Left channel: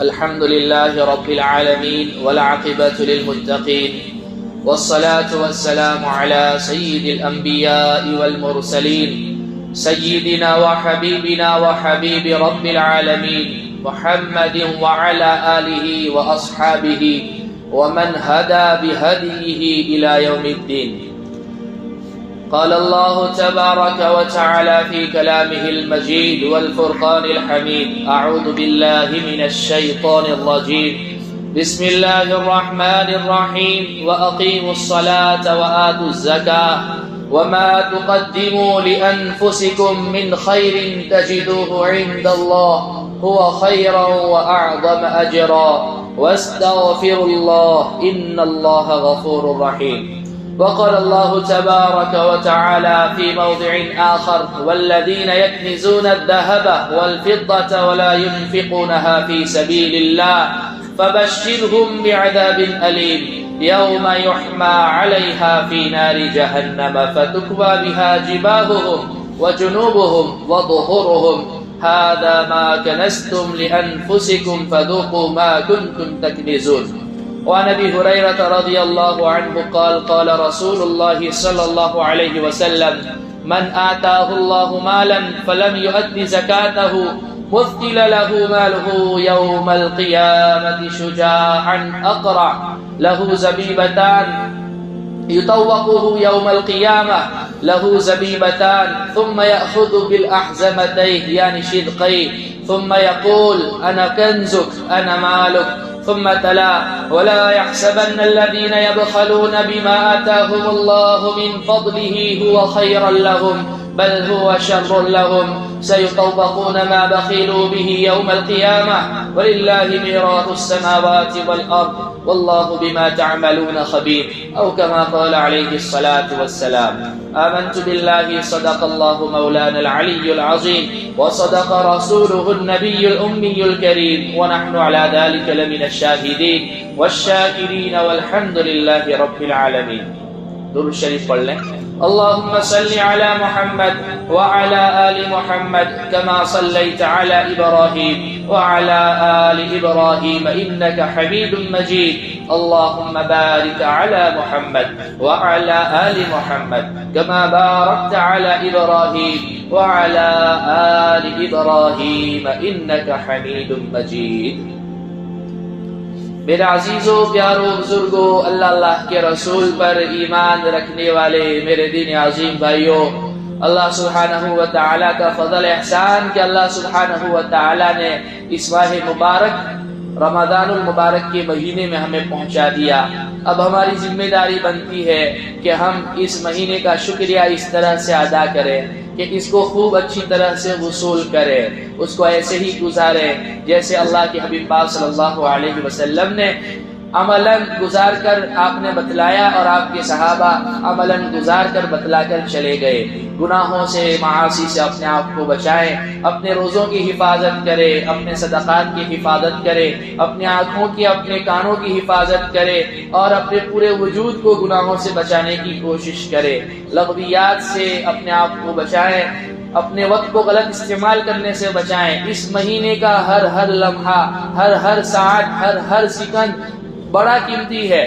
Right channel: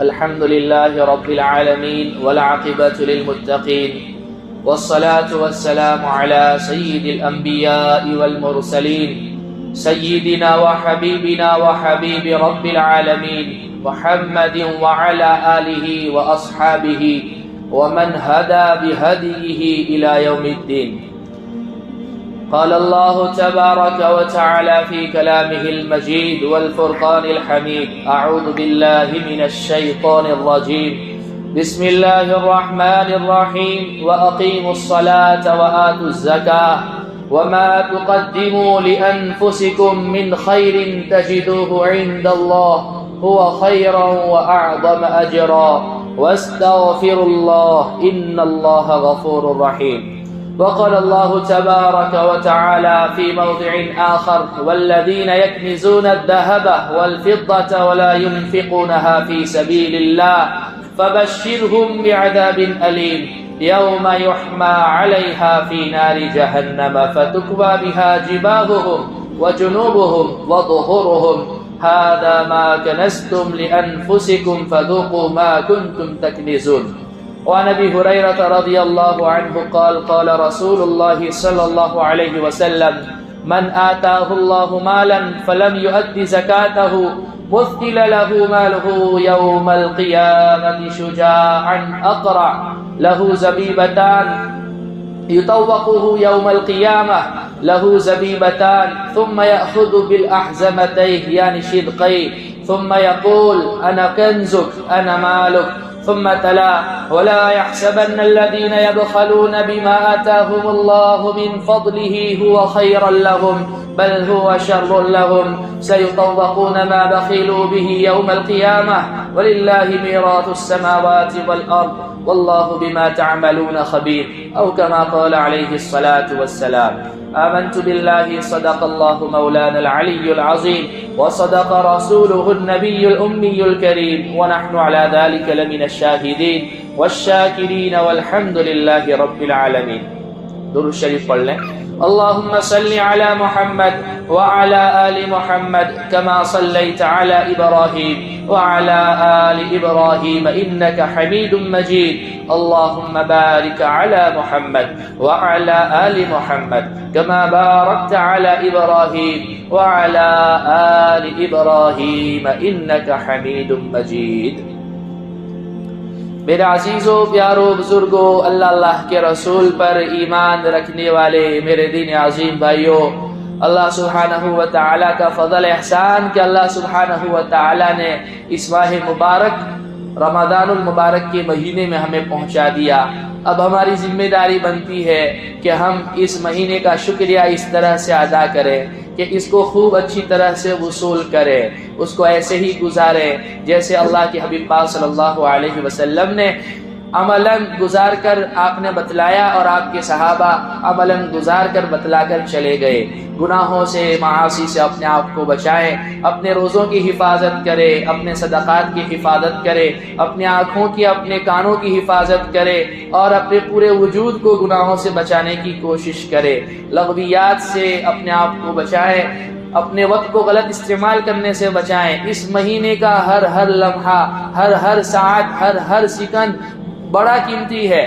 الحمد لله رب العالمين والعاقبة للمتقين والصلاة والسلام على سيد الأنبياء والمرسلين سيدنا وحبيبنا وحبيب رب العالمين محمد وعلى آله وأصحابه ومن هدى بهديه إلى يوم الدين. قال الله تبارك وتعالى في كلامه المجيد والفرقان الحميد: أعوذ بالله من الشيطان الرجيم. بسم الله الرحمن الرحيم. وأقيموا الصلاة وآتوا الزكاة وما تقدموا لأنفسكم من خير تجدوه عند الله هو خيرا وأعظم أجرا واستغفروا الله إن الله غفور رحيم. وقال الله تبارك وتعالى في موضع آخر: والذين يكنزون الذهب والفضة ولا ينفقونها في سبيل الله فبشرهم بعذاب أليم يوم يحمى عليها في نار جهنم فتكوى بها جباههم وجنوبهم وظهورهم هذا ما كنزتم لأنفسكم فذوقوا ما كنتم تكنزون. وعن ابي هريره رضي الله عنه قال: قال رسول الله صلى الله عليه وسلم: من آتاه الله مالا فلم يؤد زكاته مثل له ماله يوم القيامة شجاعا أقرع له زبيبتان يطوقه يوم القيامة له زبيبتان ثم يأخذ بالأحزمتين يعني شدقين ثم يقول: أنا كنزك أنا مالك. ثم تلا: ولا يحسبن الذين يبخلون بما آتاهم الله من فضله هو خيرا لهم بل هو شر لهم سيطوقون ما بخلوا به يوم القيامة ولله ميراث السماوات والأرض والله بما تعملون خبير، أو كما قال عليه الصلاة والسلام. آمنت بالله صدق الله مولانا العلي العظيم وصدق رسوله النبي الأمي الكريم ونحن على ذلك لمن الشاهدين والشاكرين والحمد لله رب العالمين. درود شریف پڑھ لیں. اللهم صل على محمد وعلى آل محمد كما صليت على إبراهيم وعلى آل إبراهيم إنك حميد مجيد. اللهم بارك على محمد وعلى آل محمد كما باركت على إبراهيم وعلى آل إبراهيم إنك حميد مجيد. میرے عزیزوں، پیاروں، بزرگوں، اللہ کے رسول پر ایمان رکھنے والے میرے دین عظیم بھائیوں، اللہ سبحانہ و تعالیٰ کا فضل احسان کہ اللہ سبحانہ و تعالیٰ نے اس ماہ مبارک رمضان المبارک کے مہینے میں ہمیں پہنچا دیا. اب ہماری ذمہ داری بنتی ہے کہ ہم اس مہینے کا شکریہ اس طرح سے ادا کریں کہ اس کو خوب اچھی طرح سے وصول کرے، اس کو ایسے ہی گزارے جیسے اللہ کے حبیب پاک صلی اللہ علیہ وسلم نے عملاً گزار کر آپ نے بتلایا اور آپ کے صحابہ عملاً گزار کر بتلا کر چلے گئے. گناہوں سے، معاصی سے اپنے آپ کو بچائیں، اپنے روزوں کی حفاظت کرے، اپنے صدقات کی حفاظت کرے، اپنے آنکھوں کی، اپنے کانوں کی حفاظت کرے اور اپنے پورے وجود کو گناہوں سے بچانے کی کوشش کرے. لغویات سے اپنے آپ کو بچائیں، اپنے وقت کو غلط استعمال کرنے سے بچائیں. اس مہینے کا ہر لمحہ، ہر ساعت، ہر سیکنڈ بڑا قیمتی ہے،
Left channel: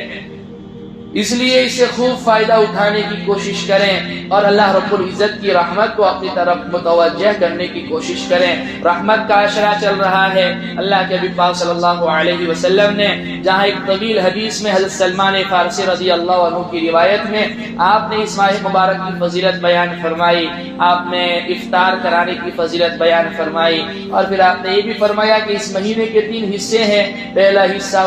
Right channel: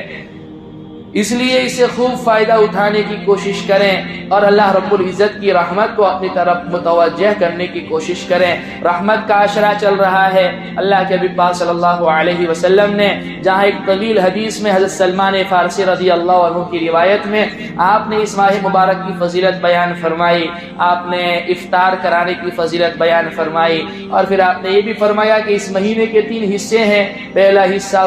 اس لیے اسے خوب فائدہ اٹھانے کی کوشش کریں اور اللہ رب العزت کی رحمت کو اپنی طرف متوجہ کرنے کی کوشش کریں. رحمت کا عشرہ چل رہا ہے. اللہ کے حبیب پاک صلی اللہ علیہ وسلم نے جہاں ایک طویل حدیث میں حضرت سلمان فارسی رضی اللہ عنہ کی روایت میں آپ نے اس ماہ مبارک کی فضیلت بیان فرمائی، آپ نے افطار کرانے کی فضیلت بیان فرمائی اور پھر آپ نے یہ بھی فرمایا کہ اس مہینے کے 3 حصے ہیں. پہلا حصہ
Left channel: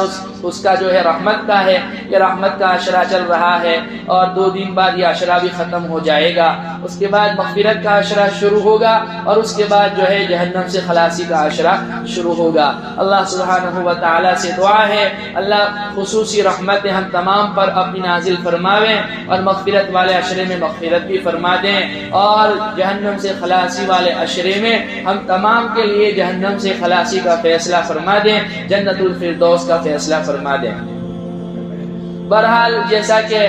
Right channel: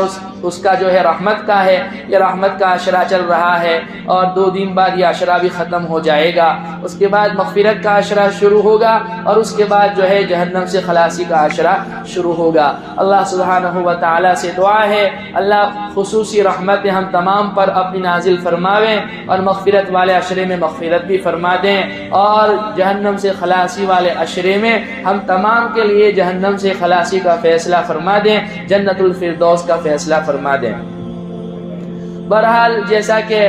اس کا جو ہے رحمت کا ہے، یہ رحمت کا عشرہ چل رہا ہے اور 2 دن بعد یہ عشرہ بھی ختم ہو جائے گا. اس کے بعد مغفرت کا عشرہ شروع ہوگا اور اس کے بعد جو ہے جہنم سے خلاصی کا عشرہ شروع ہوگا. اللہ سبحانہ و تعالیٰ سے دعا ہے اللہ خصوصی رحمت ہم تمام پر اپنی نازل فرماویں اور مغفرت والے عشرے میں مغفرت بھی فرما دیں اور جہنم سے خلاصی والے عشرے میں ہم تمام کے لیے جہنم سے خلاصی کا فیصلہ فرما دیں، جنت الفردوس کا فیصلہ فرما دیں. بہرحال جیسا کہ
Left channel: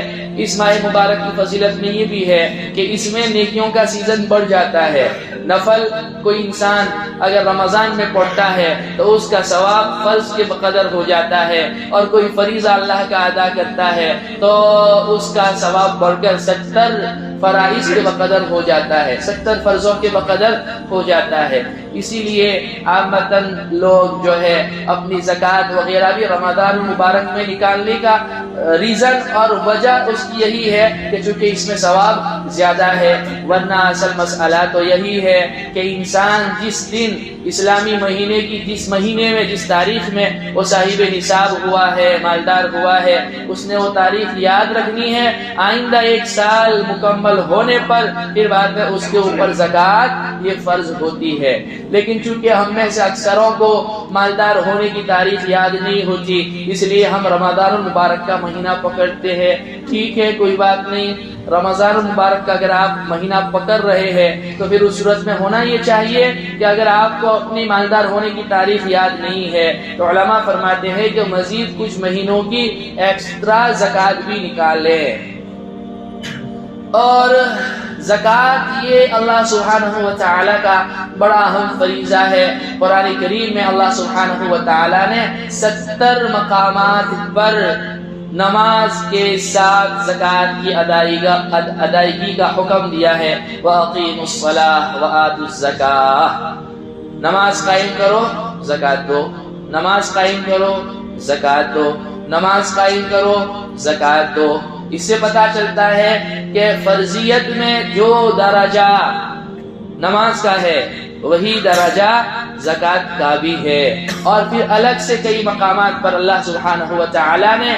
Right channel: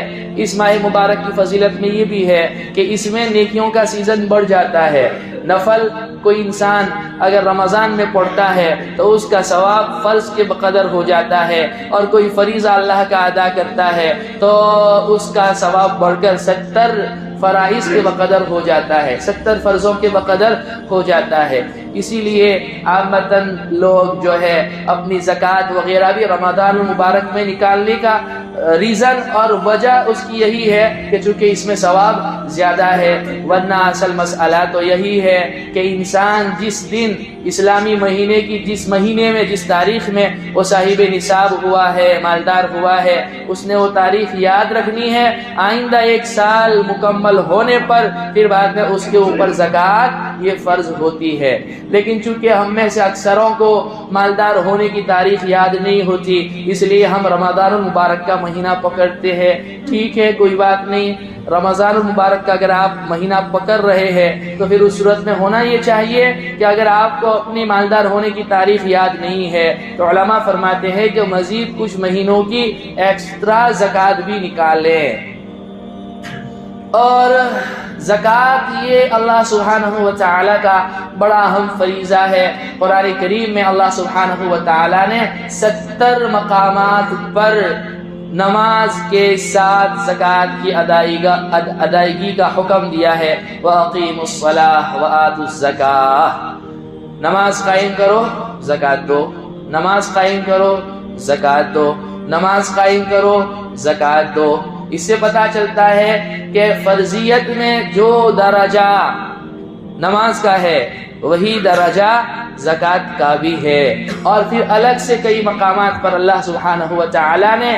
اس ماہ مبارک کی فضیلت میں یہ بھی ہے کہ اس میں نیکیوں کا سیزن بڑھ جاتا ہے. نفل کوئی انسان اگر رمضان میں پڑھتا ہے تو اس کا ثواب فرض کے بقدر ہو جاتا ہے، اور کوئی فریضہ اللہ کا ادا کرتا ہے تو اس کا ثواب بڑھ کر 70 فرائض کے بقدر ہو جاتا ہے، 70 فرضوں کے بقدر ہو جاتا ہے۔ اسی لیے عامتاً لوگ جو ہے اپنی زکوٰۃ وغیرہ بھی رمضان المبارک میں نکالنے کا ریزن اور وجہ اس کی یہی ہے کہ چونکہ اس میں ثواب زیادہ ہے، ورنہ اصل مسئلہ تو یہی ہے کہ انسان جس دن اسلامی مہینے کی جس مہینے میں جس تاریخ میں وہ صاحب نصاب ہوا ہے، مالدار ہوا ہے، اس نے وہ تاریخ یاد رکھنی ہے۔ آئندہ 1 سال مکمل ہونے پر پھر بعد میں اس کے اوپر زکوٰۃ یہ فرض ہوتی ہے۔ لیکن چونکہ ہم میں سے اکثروں کو مالدار ہونے کی تاریخ یاد نہیں ہوتی، اس لیے ہم رمضان المبارک کا مہینہ پکڑتے ہیں۔ ٹھیک ہے، کوئی بات نہیں، رمضان المبارک کا اگر آپ مہینہ پکڑ رہے ہیں تو پھر اس صورت میں ہونا یہ چاہیے کہ اگر آپ کو اپنی مالدار ہونے کی تاریخ یاد نہیں ہے تو علماء فرماتے ہیں کہ مزید کچھ مہینوں کی ایکسٹرا زکوٰۃ بھی نکالیں۔ اور زکوٰۃ یہ اللہ سبحانہ و تعالی کا بڑا اہم فریضہ ہے۔ قرآن کریم میں اللہ سبحانہ و تعالی نے 70 مقامات پر نماز کے ساتھ زکوٰۃ کی ادائیگی کا حکم دیا ہے۔ وَأَقِيمُوا الصَّلَاةَ وَآتُوا الزَّكَاةَ، نماز قائم کرو زکوٰۃ دو، نماز قائم کرو زکوٰۃ دو، نماز قائم کرو زکوٰۃ دو۔ اس سے پتہ چلتا ہے کہ فرضیت میں جو درجہ نماز کا ہے وہی درجہ زکوٰۃ کا بھی ہے۔ اور پھر الگ سے کئی مقامات پر اللہ سبحانہ و تعالی نے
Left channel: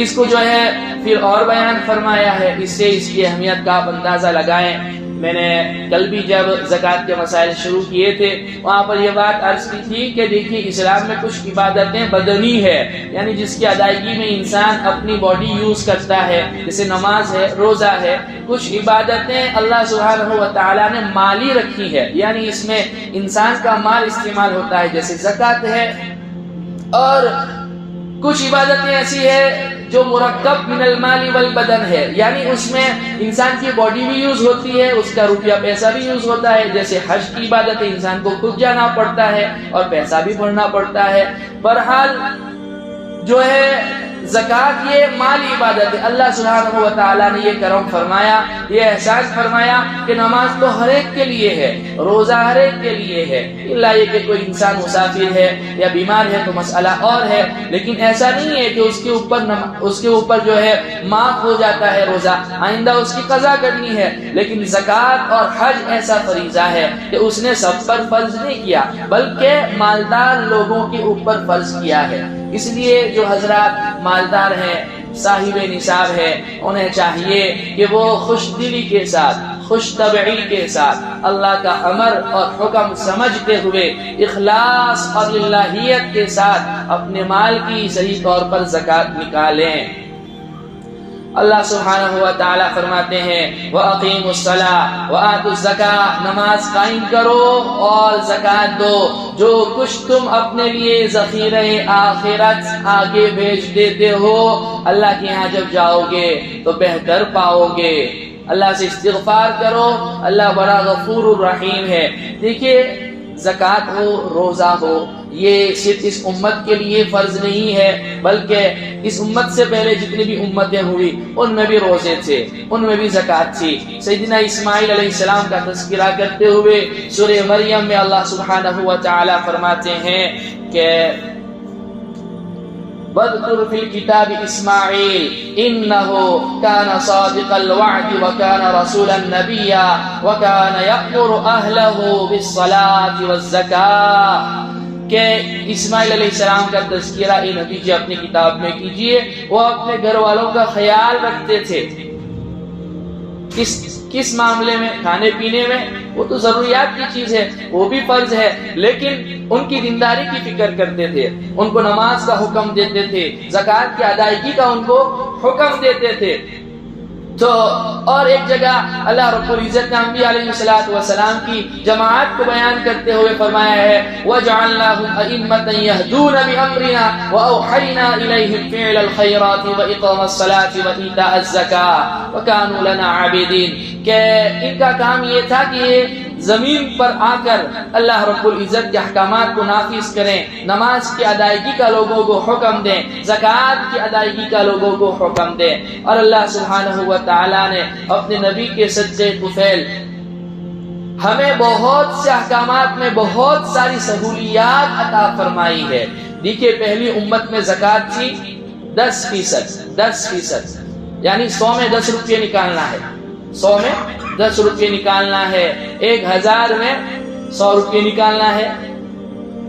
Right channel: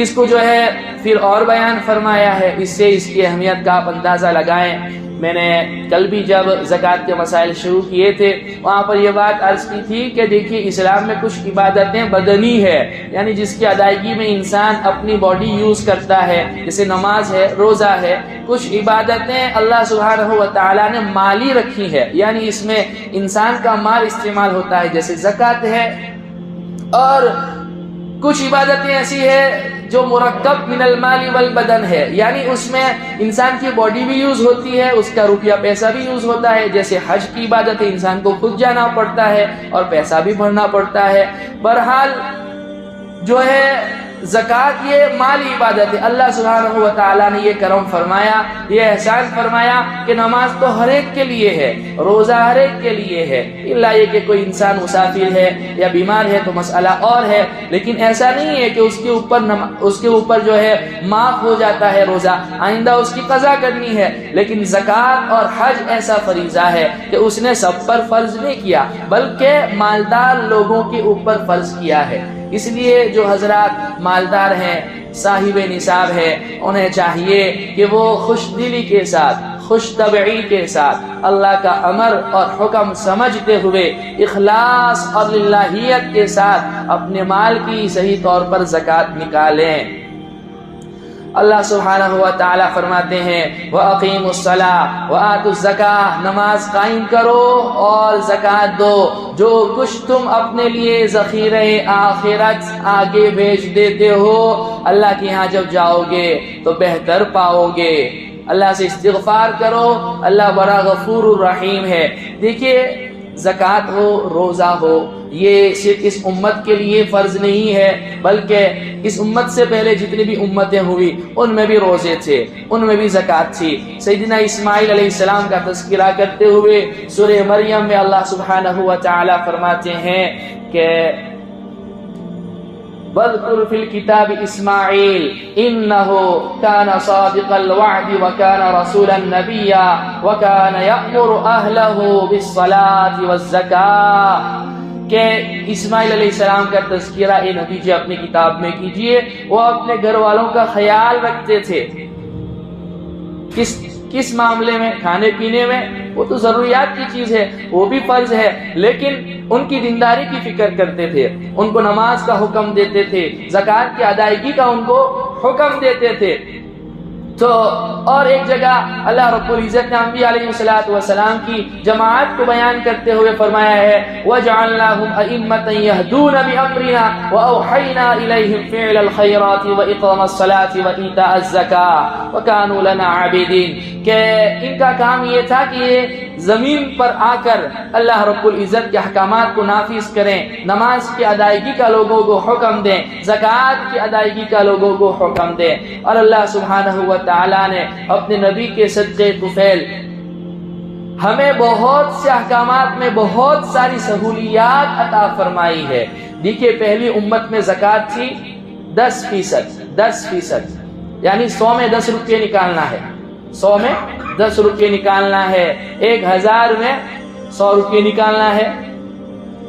اس کو جو ہے پھر اور بیان فرمایا ہے۔ اس سے اس کی اہمیت کا آپ اندازہ لگائیں۔ میں نے کل بھی جب زکوٰۃ کے مسائل شروع کیے تھے وہاں پر یہ بات عرض کی تھی کہ دیکھیے اسلام میں کچھ عبادتیں بدنی ہے، یعنی جس کی ادائیگی میں انسان اپنی باڈی یوز کرتا ہے، جیسے نماز ہے، روزہ ہے۔ کچھ عبادتیں اللہ سبحانہ و تعالیٰ نے مالی رکھی ہے، یعنی اس میں انسان کا مال استعمال ہوتا ہے، جیسے زکوٰۃ ہے۔ اور کچھ عبادتیں ایسی ہے جو مرکب من المال والبدن ہے، یعنی اس میں انسان کی باڈی بھی یوز ہوتی ہے، اس کا روپیہ پیسہ بھی یوز ہوتا ہے، جیسے حج کی عبادت انسان کو خود جانا پڑتا ہے اور پیسہ بھی بھرنا پڑتا ہے۔ بہرحال جو ہے زکوٰۃ یہ مالی عبادت ہے۔ اللہ سبحانہ و تعالیٰ نے یہ کرم فرمایا، یہ احسان فرمایا کہ نماز تو ہر ایک کے لیے ہے، روزہ ہر ایک کے لیے ہے، الا یہ کہ کوئی انسان مسافر ہے یا بیمار ہے تو مسئلہ اور ہے، لیکن ایسا نہیں ہے کہ اس کے اوپر جو ہے معاف ہو جاتا ہے روزہ، آئندہ اس کی قضا کرنی ہے۔ لیکن زکوٰۃ اور حج ایسا فریضہ ہے کہ اس نے سب پر فرض نہیں کیا بلکہ مالدار لوگوں کے اوپر فرض کیا ہے۔ اس لیے جو حضرات مالدار ہیں، صاحب نصاب ہے، انہیں چاہیے کہ وہ خوش دلی کے ساتھ، خوش طبعی کے ساتھ اللہ کا امر اور حکم سمجھتے ہوئے اخلاص اور للہیت کے ساتھ اپنے مال کی صحیح طور پر زکوٰۃ نکالیں۔ اللہ سبحانہ و تعالیٰ فرماتے ہیں وَأَقِيمُوا الصَّلَاةَ وَآتُوا الزَّكَاةَ، نماز قائم کرو اور زکوٰۃ دو۔ جو کچھ تم اپنے لیے ذخیرہ آخرت آگے بھیج دیتے ہو اللہ کے ہاں جب جاؤ گے تو بہتر پاؤ گے۔ اللہ سے استغفار کرو، اللہ بڑا غفور الرحیم ہے۔ دیکھیے زکوٰۃ ہو، روزہ ہو، یہ صرف اس امت کے لیے فرض نہیں ہے بلکہ اس امت سے پہلے جتنی بھی امتیں ہوئی ان میں بھی روزے تھے، ان میں بھی زکوٰۃ تھی۔ سیدنا اسماعیل علیہ السلام کا تذکرہ کرتے ہوئے سورہ مریم میں اللہ سبحانہ و تعالی فرماتے ہیں کہ وَاذْكُرْ فِي الْكِتَابِ إِسْمَاعِيلَ إِنَّهُ كَانَ صَادِقَ الْوَعْدِ وَكَانَ رَسُولًا نَبِيًّا وَكَانَ يَأْمُرُ أَهْلَهُ بِالصَّلَاةِ وَالزَّكَاةِ، کہ اسماعیل علیہ السلام کا تذکرہ اے نبی جی اپنی کتاب میں کیجئے۔ وہ اپنے گھر والوں کا خیال رکھتے تھے، کس معاملے میں؟ کھانے پینے میں، وہ تو ضروریات کی چیز ہے، وہ بھی فرض ہے، لیکن ان کی دینداری کی فکر کرتے تھے، ان کو نماز کا حکم دیتے تھے، زکوٰۃ کی ادائیگی کا ان کو حکم دیتے تھے۔ تو اور ایک جگہ اللہ رب العزت نے انبیاء علیہ السلام کی جماعت کو بیان کرتے ہوئے فرمایا ہے وَجَعَلْنَاهُمْ أَئِمَّةً يَهْدُونَ بِأَمْرِنَا وَأَوْحَيْنَا إِلَيْهِمْ فِعْلَ الْخَيْرَاتِ وَإِقَامَ الصَّلَاةِ وَإِيتَاءَ الزَّكَاةِ وَكَانُوا لَنَا عَابِدِينَ۔ کہ ان کا کام یہ تھا کہ یہ زمین پر آ کر اللہ رب العزت کے احکامات کو نافذ کریں، نماز کی ادائیگی کا لوگوں کو حکم دیں، زکوٰۃ کی ادائیگی کا لوگوں کو حکم دیں۔ اور اللہ سبحانہ و تعالیٰ نے اپنے نبی کے صدقے طفیل ہمیں بہت سے احکامات میں بہت ساری سہولیات عطا فرمائی ہے۔ دیکھیے پہلی امت میں زکوٰۃ تھی 10%، یعنی 100 میں 10 روپے نکالنا ہے، 100 میں 10 روپے نکالنا ہے، 1000 میں 100 روپے نکالنا ہے۔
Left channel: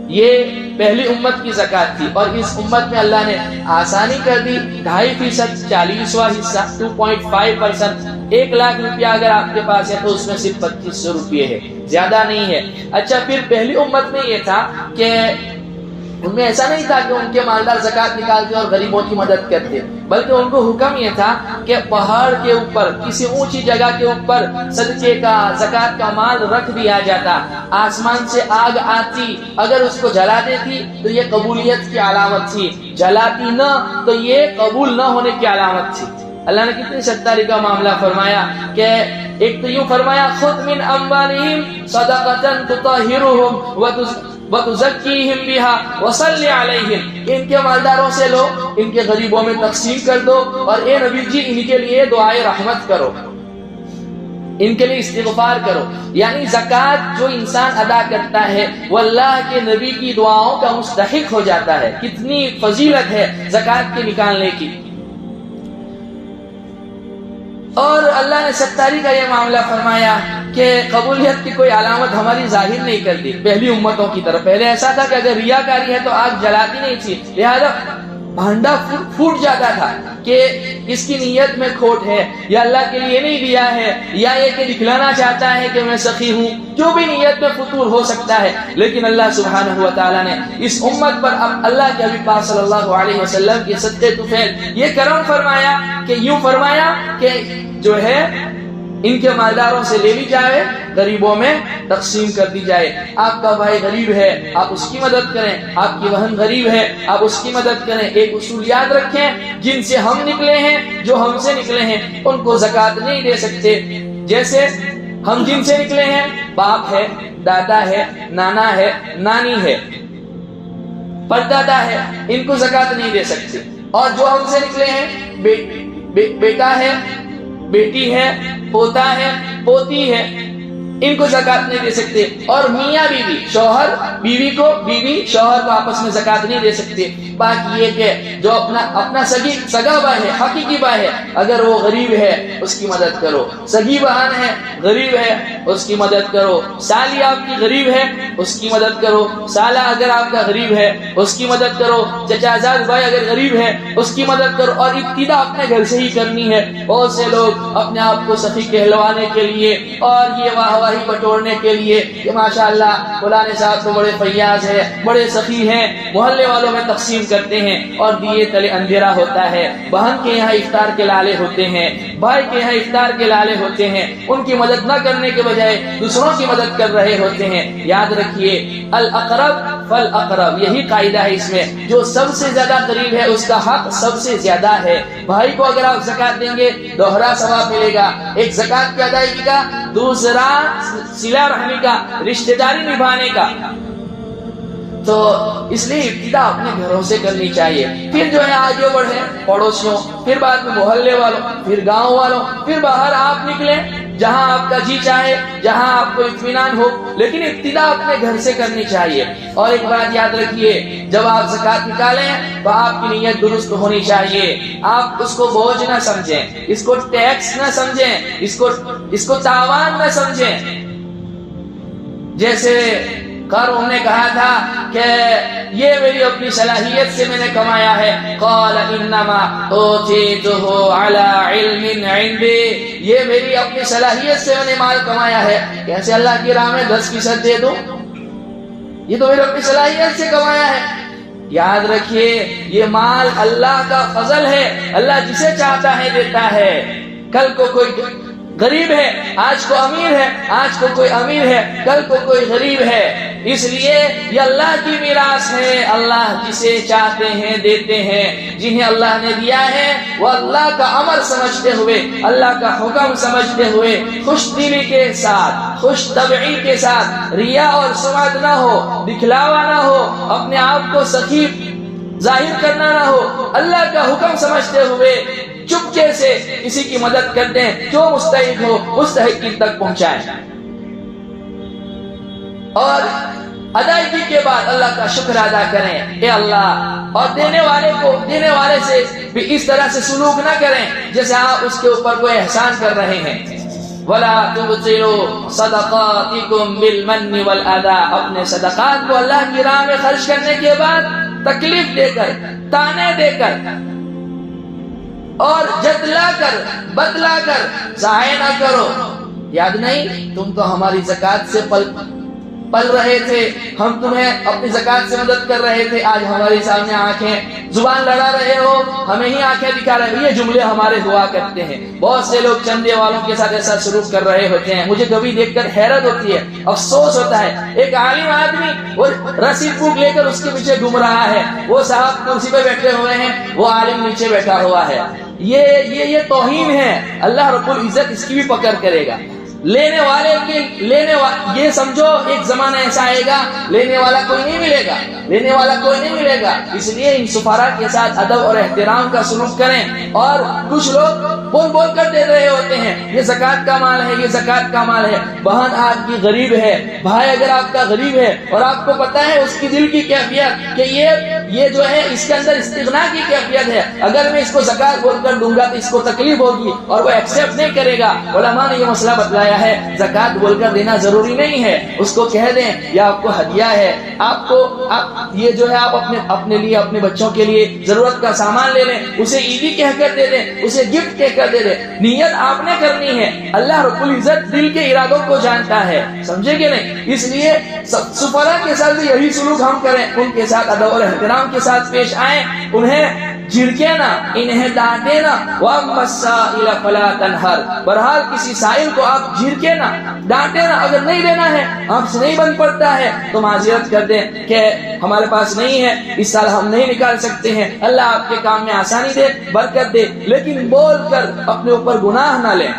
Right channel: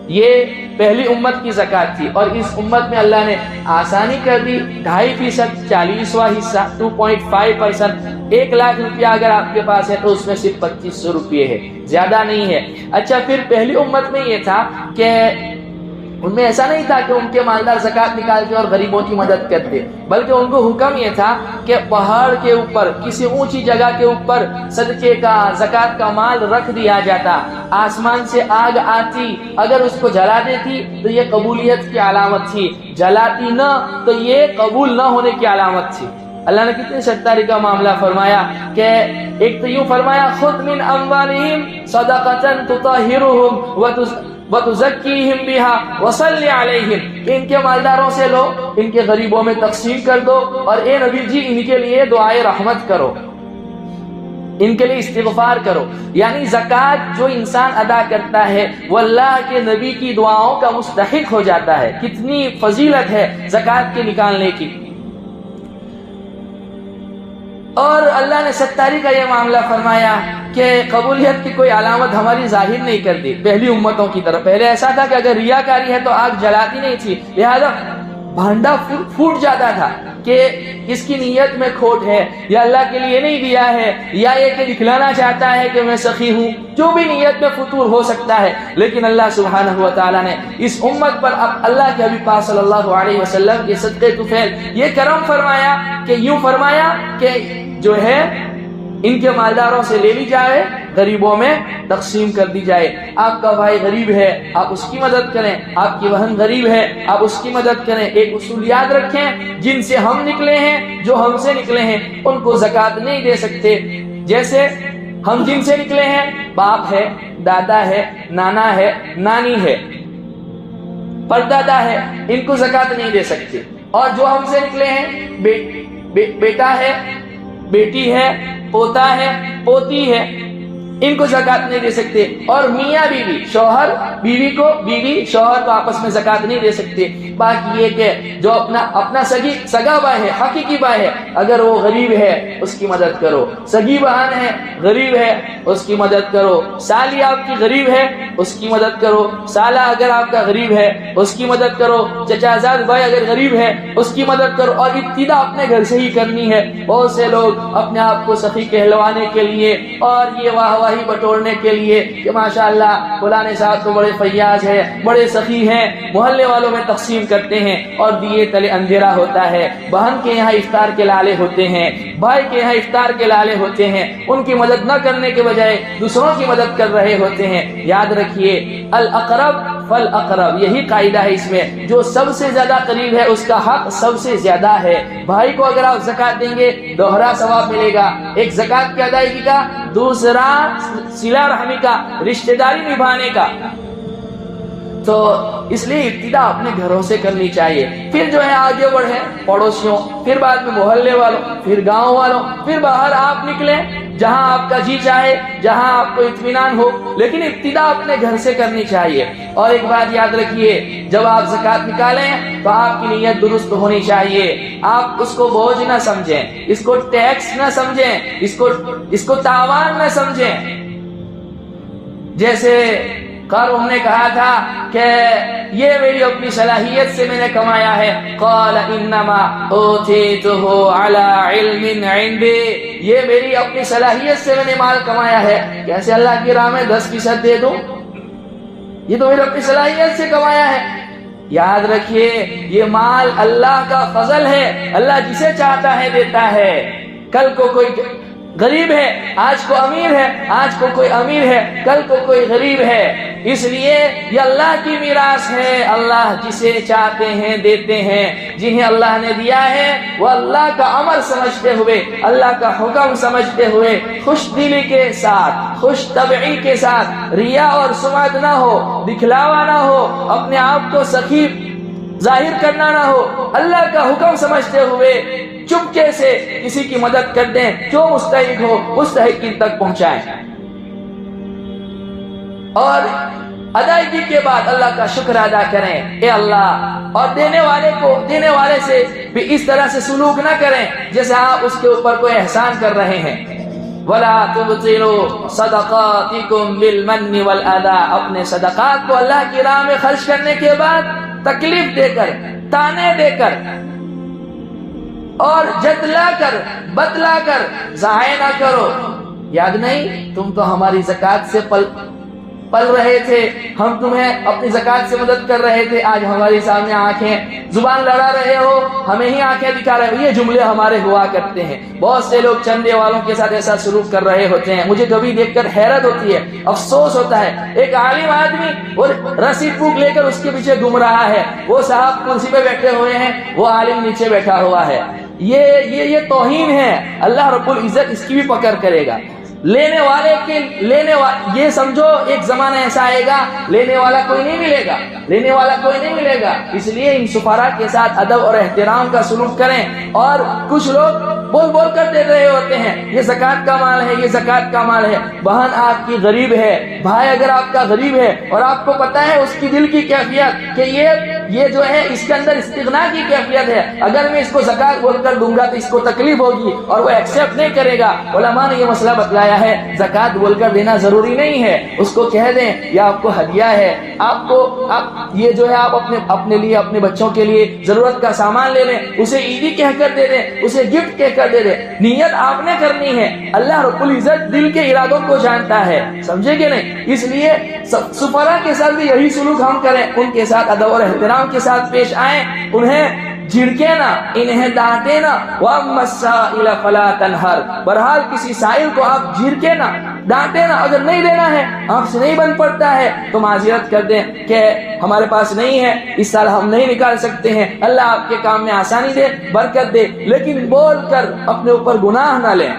یہ پہلی امت کی زکوٰۃ تھی، اور اس امت میں اللہ نے آسانی کر دی، 2.5%، 40واں حصہ 2.5%۔ 1 لاکھ روپیہ اگر آپ کے پاس ہے تو اس میں صرف 2500 روپے ہے، زیادہ نہیں ہے۔ اچھا، پھر پہلی امت میں یہ تھا کہ ان میں ایسا نہیں تھا کہ ان کے مالدار زکوٰۃ نکالتے اور غریبوں کی مدد کرتے، بلکہ ان کو حکم یہ تھا کہ پہاڑ کے اوپر کسی اونچی جگہ کے اوپر صدقے کا زکوٰۃ کا مال رکھ دیا جاتا، آسمان سے آگ آتی، اگر اس کو جلا دیتی تو یہ قبولیت کی علامت تھی، جلاتی نہ تو یہ قبول نہ ہونے کی علامت تھی۔ اللہ نے کتنی ستاری کا معاملہ فرمایا کہ ایک تو یوں فرمایا خُذْ مِنْ أَمْوَالِهِمْ صَدَقَةً تُطَهِّرُهُمْ وَتُزَكِّيهِمْ بِهَا وَصَلِّ عَلَيْهِمْ، ان کے مالداروں سے لو، ان کے غریبوں میں تقسیم کر دو، اور اے نبی جی ان کے لیے دعائے رحمت کرو، ان کے لیے استغفار کرو۔ یعنی زکوٰۃ جو انسان ادا کرتا ہے وہ اللہ کے نبی کی دعاؤں کا مستحق ہو جاتا ہے۔ کتنی فضیلت ہے زکوٰۃ کے نکالنے کی۔ اور اللہ نے 70 کا یہ معاملہ فرمایا کہ قبولیت کی کوئی علامت ہماری ظاہر نہیں کرتی پہلی امتوں کی طرف۔ پہلے ایسا تھا کہ اگر ریاکاری ہے تو آگ جلاتی نہیں تھی، لہذا بھانڈا پھوٹ جاتا تھا کہ اس کی نیت میں کھوٹ ہے، یا اللہ کے لیے نہیں دیا ہے، یا یہ کہ دکھلانا چاہتا ہے کہ میں سخی ہوں، جو بھی نیت میں فطور ہو سکتا ہے۔ لیکن اللہ سبحانہ و تعالیٰ نے اس امت پر اب اللہ کے حبیب پاک صلی اللہ علیہ وسلم کے صدقے طفیل یہ کرم فرمایا کہ یوں فرمایا کہ جو ہے ان کے مالداروں سے لے لی جائے، غریبوں میں تقسیم کر دی جائے۔ آپ کا بھائی غریب ہے، آپ اس کی مدد کریں، آپ کی بہن غریب ہے، آپ اس کی مدد کریں۔ ایک اصول یاد رکھیں، جن سے ہم نکلے ہیں، جو ہم سے نکلے ہیں، ان کو زکوٰۃ نہیں دے سکتے۔ جیسے ہم جن سے نکلے ہیں، باپ ہے، دادا ہے، نانا ہے، نانی ہے، پردادا ہے، ان کو زکوٰۃ نہیں دے سکتے۔ اور جو ہم سے نکلے ہیں، بیٹا ہے، بیٹی ہے، پوتا ہے، پوتی ہے، ان کو زکوٰۃ نہیں دے سکتے۔ اور میاں بیوی، شوہر بیوی کو، بیوی شوہر کو آپس میں زکوٰۃ نہیں دے سکتے۔ باقی یہ کہ جو اپنا سگا بھائی ہے، حقیقی بھائی ہے، اگر وہ غریب ہے اس کی مدد کرو، سگی بہن ہے غریب ہے اس کی مدد کرو، سالی آپ کی غریب ہے اس کی مدد کرو، سالہ اگر آپ کا غریب ہے اس کی مدد کرو، چچا زاد بھائی اگر غریب ہے اس کی مدد کرو۔ اور ابتدا اپنے گھر سے ہی کرنی ہے۔ بہت سے لوگ اپنے آپ کو سخی کہلوانے کے لیے اور یہ واہ واہی بٹورنے کے لیے کہ ماشاءاللہ فلاں صاحب تو بڑے فیاض ہے، بڑے سخی ہیں، محلے والوں میں تقسیم کرتے ہیں، اور دیے تلے اندھیرا ہوتا ہے۔ بہن کے یہاں افطار کے لالے ہوتے ہیں، بھائی کے یہاں افطار کے لالے ہوتے ہیں، ان کی مدد نہ کرنے کے بجائے دوسروں کی مدد کر رہے ہوتے ہیں۔ یاد رکھیے الاقرب فالاقرب، یہی قاعدہ ہے اس میں، جو سب سے زیادہ قریب ہے اس کا حق سب سے زیادہ ہے۔ بھائی کو اگر آپ زکوٰۃ دیں گے دوہرا ثواب ملے گا، ایک زکوٰۃ کی ادائیگی کا، دوسرا صلہ رحمی کا، رشتہ داری نبھانے کا۔ تو اس لیے ابتدا اپنے گھروں سے کرنی چاہیے، پھر جو ہے آگے بڑھیں پڑوسیوں، پھر بعد میں محلے والوں، پھر گاؤں والوں، پھر باہر آپ نکلیں جہاں آپ کا جی چاہے، جہاں آپ کو اطمینان ہو، لیکن ابتدا اپنے گھر سے کرنی چاہیے۔ اور ایک بات یاد رکھیے، جب آپ زکوٰۃ نکالیں تو آپ کی نیت درست ہونی چاہیے۔ آپ اس کو بوجھ نہ سمجھیں، اس کو ٹیکس نہ سمجھیں، اس کو تاوان نہ سمجھیں۔ جیسے قارون نے کہا تھا کہ یہ میری اپنی صلاحیت سے میں نے کمایا ہے، قال انما اوتیتہ علی علم عندی، یہ میری اپنی صلاحیت سے میں نے مال کمایا ہے، کیسے اللہ کی راہ میں 10% دے دوں؟ یہ تو میری اپنی صلاحیت سے کمایا ہے۔ یاد رکھیے یہ مال اللہ کا فضل ہے، اللہ جسے چاہتا ہے دیتا ہے۔ کل کو کوئی غریب ہے، آج کو امیر ہے، آج کو کوئی امیر ہے، کل کو کوئی غریب ہے، اس لیے یہ اللہ کی میراث ہے. اللہ جسے چاہتے ہیں دیتے ہیں. جنہیں اللہ نے دیا ہے وہ اللہ کا امر سمجھتے ہوئے, اللہ کا حکم سمجھتے ہوئے, خوش دلی کے ساتھ, خوش طبعی کے ساتھ, ریا اور سمعت نہ ہو, دکھلاوا نہ ہو, اپنے آپ کو سخی ظاہر کرنا نہ ہو, اللہ کا حکم سمجھتے ہوئے چپکے سے کسی کی مدد کر دیں, جو مستحق ہو مستحق تک پہنچائیں, اور ادائیگی کے بعد اللہ کا شکر ادا کریں. اے اللہ, اور دینے والے سے بھی اس طرح سے سلوک نہ کریں جیسے آپ اس کے اوپر کوئی احسان کر رہے ہیں. وَلَا تُبْطِلُوا صَدَقَاتِكُمْ بِالْمَنِّ وَالْأَذَىٰ, اپنے صدقات کو اللہ کی راہ میں خرچ کرنے کے بعد تکلیف دے کر, تانے دے کر اور جتلا کر, بتلا کر ضائع نہ کرو. یاد نہیں تم تو ہماری زکوٰۃ سے پل رہے تھے, ہم تمہیں اپنی زکوٰۃ سے مدد کر رہے تھے, آج ہمارے سامنے آنکھیں زبان لڑا رہے ہو, ہمیں ہی آنکھیں دکھا رہے ہو. یہ جملے ہمارے ہوا کرتے ہیں. بہت سے لوگ چندے والوں کے ساتھ ایسا سلوک کر رہے ہوتے ہیں. مجھے کبھی دیکھ کر حیرت ہوتی ہے, افسوس ہوتا ہے. ایک عالم آدمی وہ رسید بک لے کر اس کے پیچھے گھوم رہا ہے, وہ صاحب کرسی پہ بیٹھے ہوئے ہیں, وہ عالم نیچے بیٹھا ہوا ہے. یہ توہین ہے. اللہ رب العزت اس کی بھی پکڑ کرے گا. یہ سمجھو ایک زمانہ ایسا آئے گا لینے والا کوئی نہیں ملے گا. اس لیے ان سفراء کے ساتھ ادب اور احترام کا سلوک کریں. اور کچھ لوگ بول کر دے رہے ہوتے ہیں یہ زکوٰۃ کا مال ہے, یہ زکوٰۃ کا مال ہے. بہن آپ کی غریب ہے, بھائی اگر آپ کا غریب ہے اور آپ کو پتا ہے اس کی دل کی کیفیت کہ یہ جو ہے اس کے اندر استغنا کی کیفیت ہے, اگر میں اس کو زکوٰۃ بول کر دوں گا تو اس کو تکلیف ہوگی اور وہ ایکسیپٹ نہیں کرے گا. علماء نے یہ مسئلہ بتلایا ہے, زکوٰۃ بول کر دینا ضروری نہیں ہے. اس کو کہہ دیں یہ آپ کو ہدیہ ہے, آپ یہ جو ہے آپ اپنے لیے, اپنے بچوں کے لیے ضرورت کا سامان لے لیں, اسے عیدی کہہ کر دے دیں, اسے گفٹ کہہ کر دے دیں. نیت آپ نے کرنی ہے, اللہ رب العزت دل کے ارادوں کو جانتا ہے. سمجھے کہ نہیں؟ اس لیے سفراء کے ساتھ بھی یہی سلوک ہم کریں, ان کے ساتھ ادب اور احترام کے ساتھ پیش آئیں, انہیں جھڑکے نہ, انہیں ڈانٹے نہ. وَأَمَّا السَّائِلَ فَلَا تَنْهَرْ, بہرحال کسی سائل کو آپ جھڑکے نہ, ڈانٹے نہ. اگر نہیں دینا ہے, آپ سے نہیں بن پڑتا ہے تو معذرت کر دیں کہ ہمارے پاس نہیں ہے, اس سال ہم نہیں نکال سکتے ہیں, اللہ آپ کے کام میں آسانی دے, برکت دے. لیکن بول کر اپنے اوپر گناہ نہ لیں.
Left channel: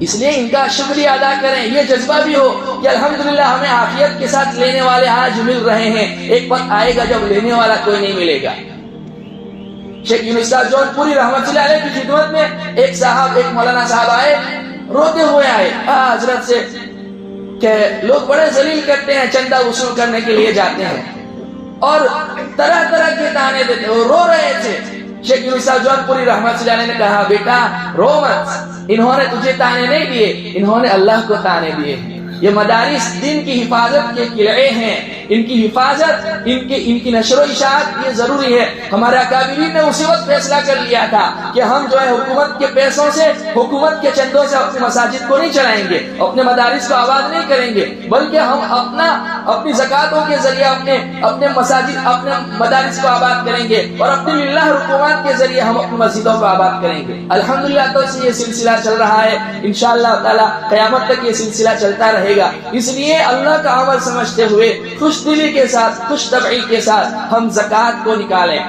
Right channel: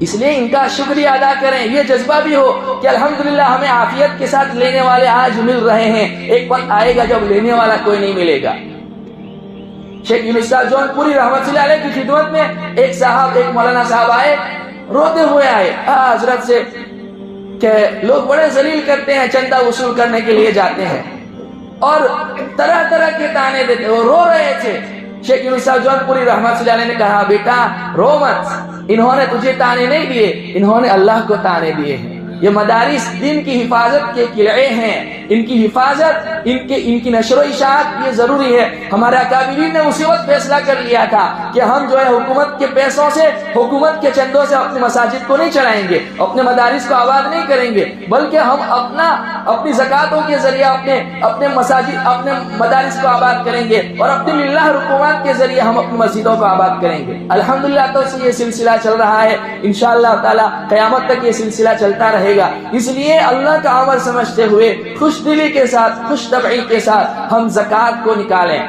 اس لیے ان کا شکریہ ادا کریں. یہ جذبہ بھی ہو کہ الحمدللہ ہمیں عافیت کے ساتھ لینے والے آج مل رہے ہیں. ایک وقت آئے گا جب لینے والا کوئی نہیں ملے گا. شیخ یونس صاحب جون پوری رحمت اللہ علیہ کی خدمت میں ایک مولانا صاحب آئے, روتے ہوئے آئے حضرت سے کہ لوگ بڑے ذلیل کرتے ہیں, چندہ وصول کرنے کے لیے جاتے ہیں اور طرح طرح کے تانے دیتے ہیں. وہ رو رہے تھے. شیخ یونس صاحب جون پوری رحمت اللہ علیہ نے کہا, بیٹا رو مت, انہوں نے تجھے تانے نہیں دیے, انہوں نے اللہ کو تانے دیے ہیں. یہ مدارس دین کی حفاظت کے قلعے ہیں, ان کی حفاظت, ان کی نشر و اشاعت یہ ضروری ہے. ہمارے اکابرین نے اسی وقت فیصلہ کر لیا تھا کہ ہم جو ہے حکومت کے پیسوں سے, حکومت کے چندوں سے اپنی مساجد کو نہیں چلائیں گے, اپنے مدارس کو آباد نہیں کریں گے, بلکہ ہم اپنی زکاتوں کے ذریعے اپنے مساجد, اپنے مدارس کو آباد کریں گے, اور اپنی للہ رکومات کے ذریعے ہم اپنی مسجدوں کو آباد کریں گے. الحمدللہ تو یہ سلسلہ چل رہا ہے, انشاءاللہ تعالی قیامت تک یہ سلسلہ چلتا رہے گا. اس لیے اللہ کا عمل سمجھتے ہوئے خوش دلی کے ساتھ, خوش طبعی کے ساتھ ہم زکوٰۃ کو نکالیں.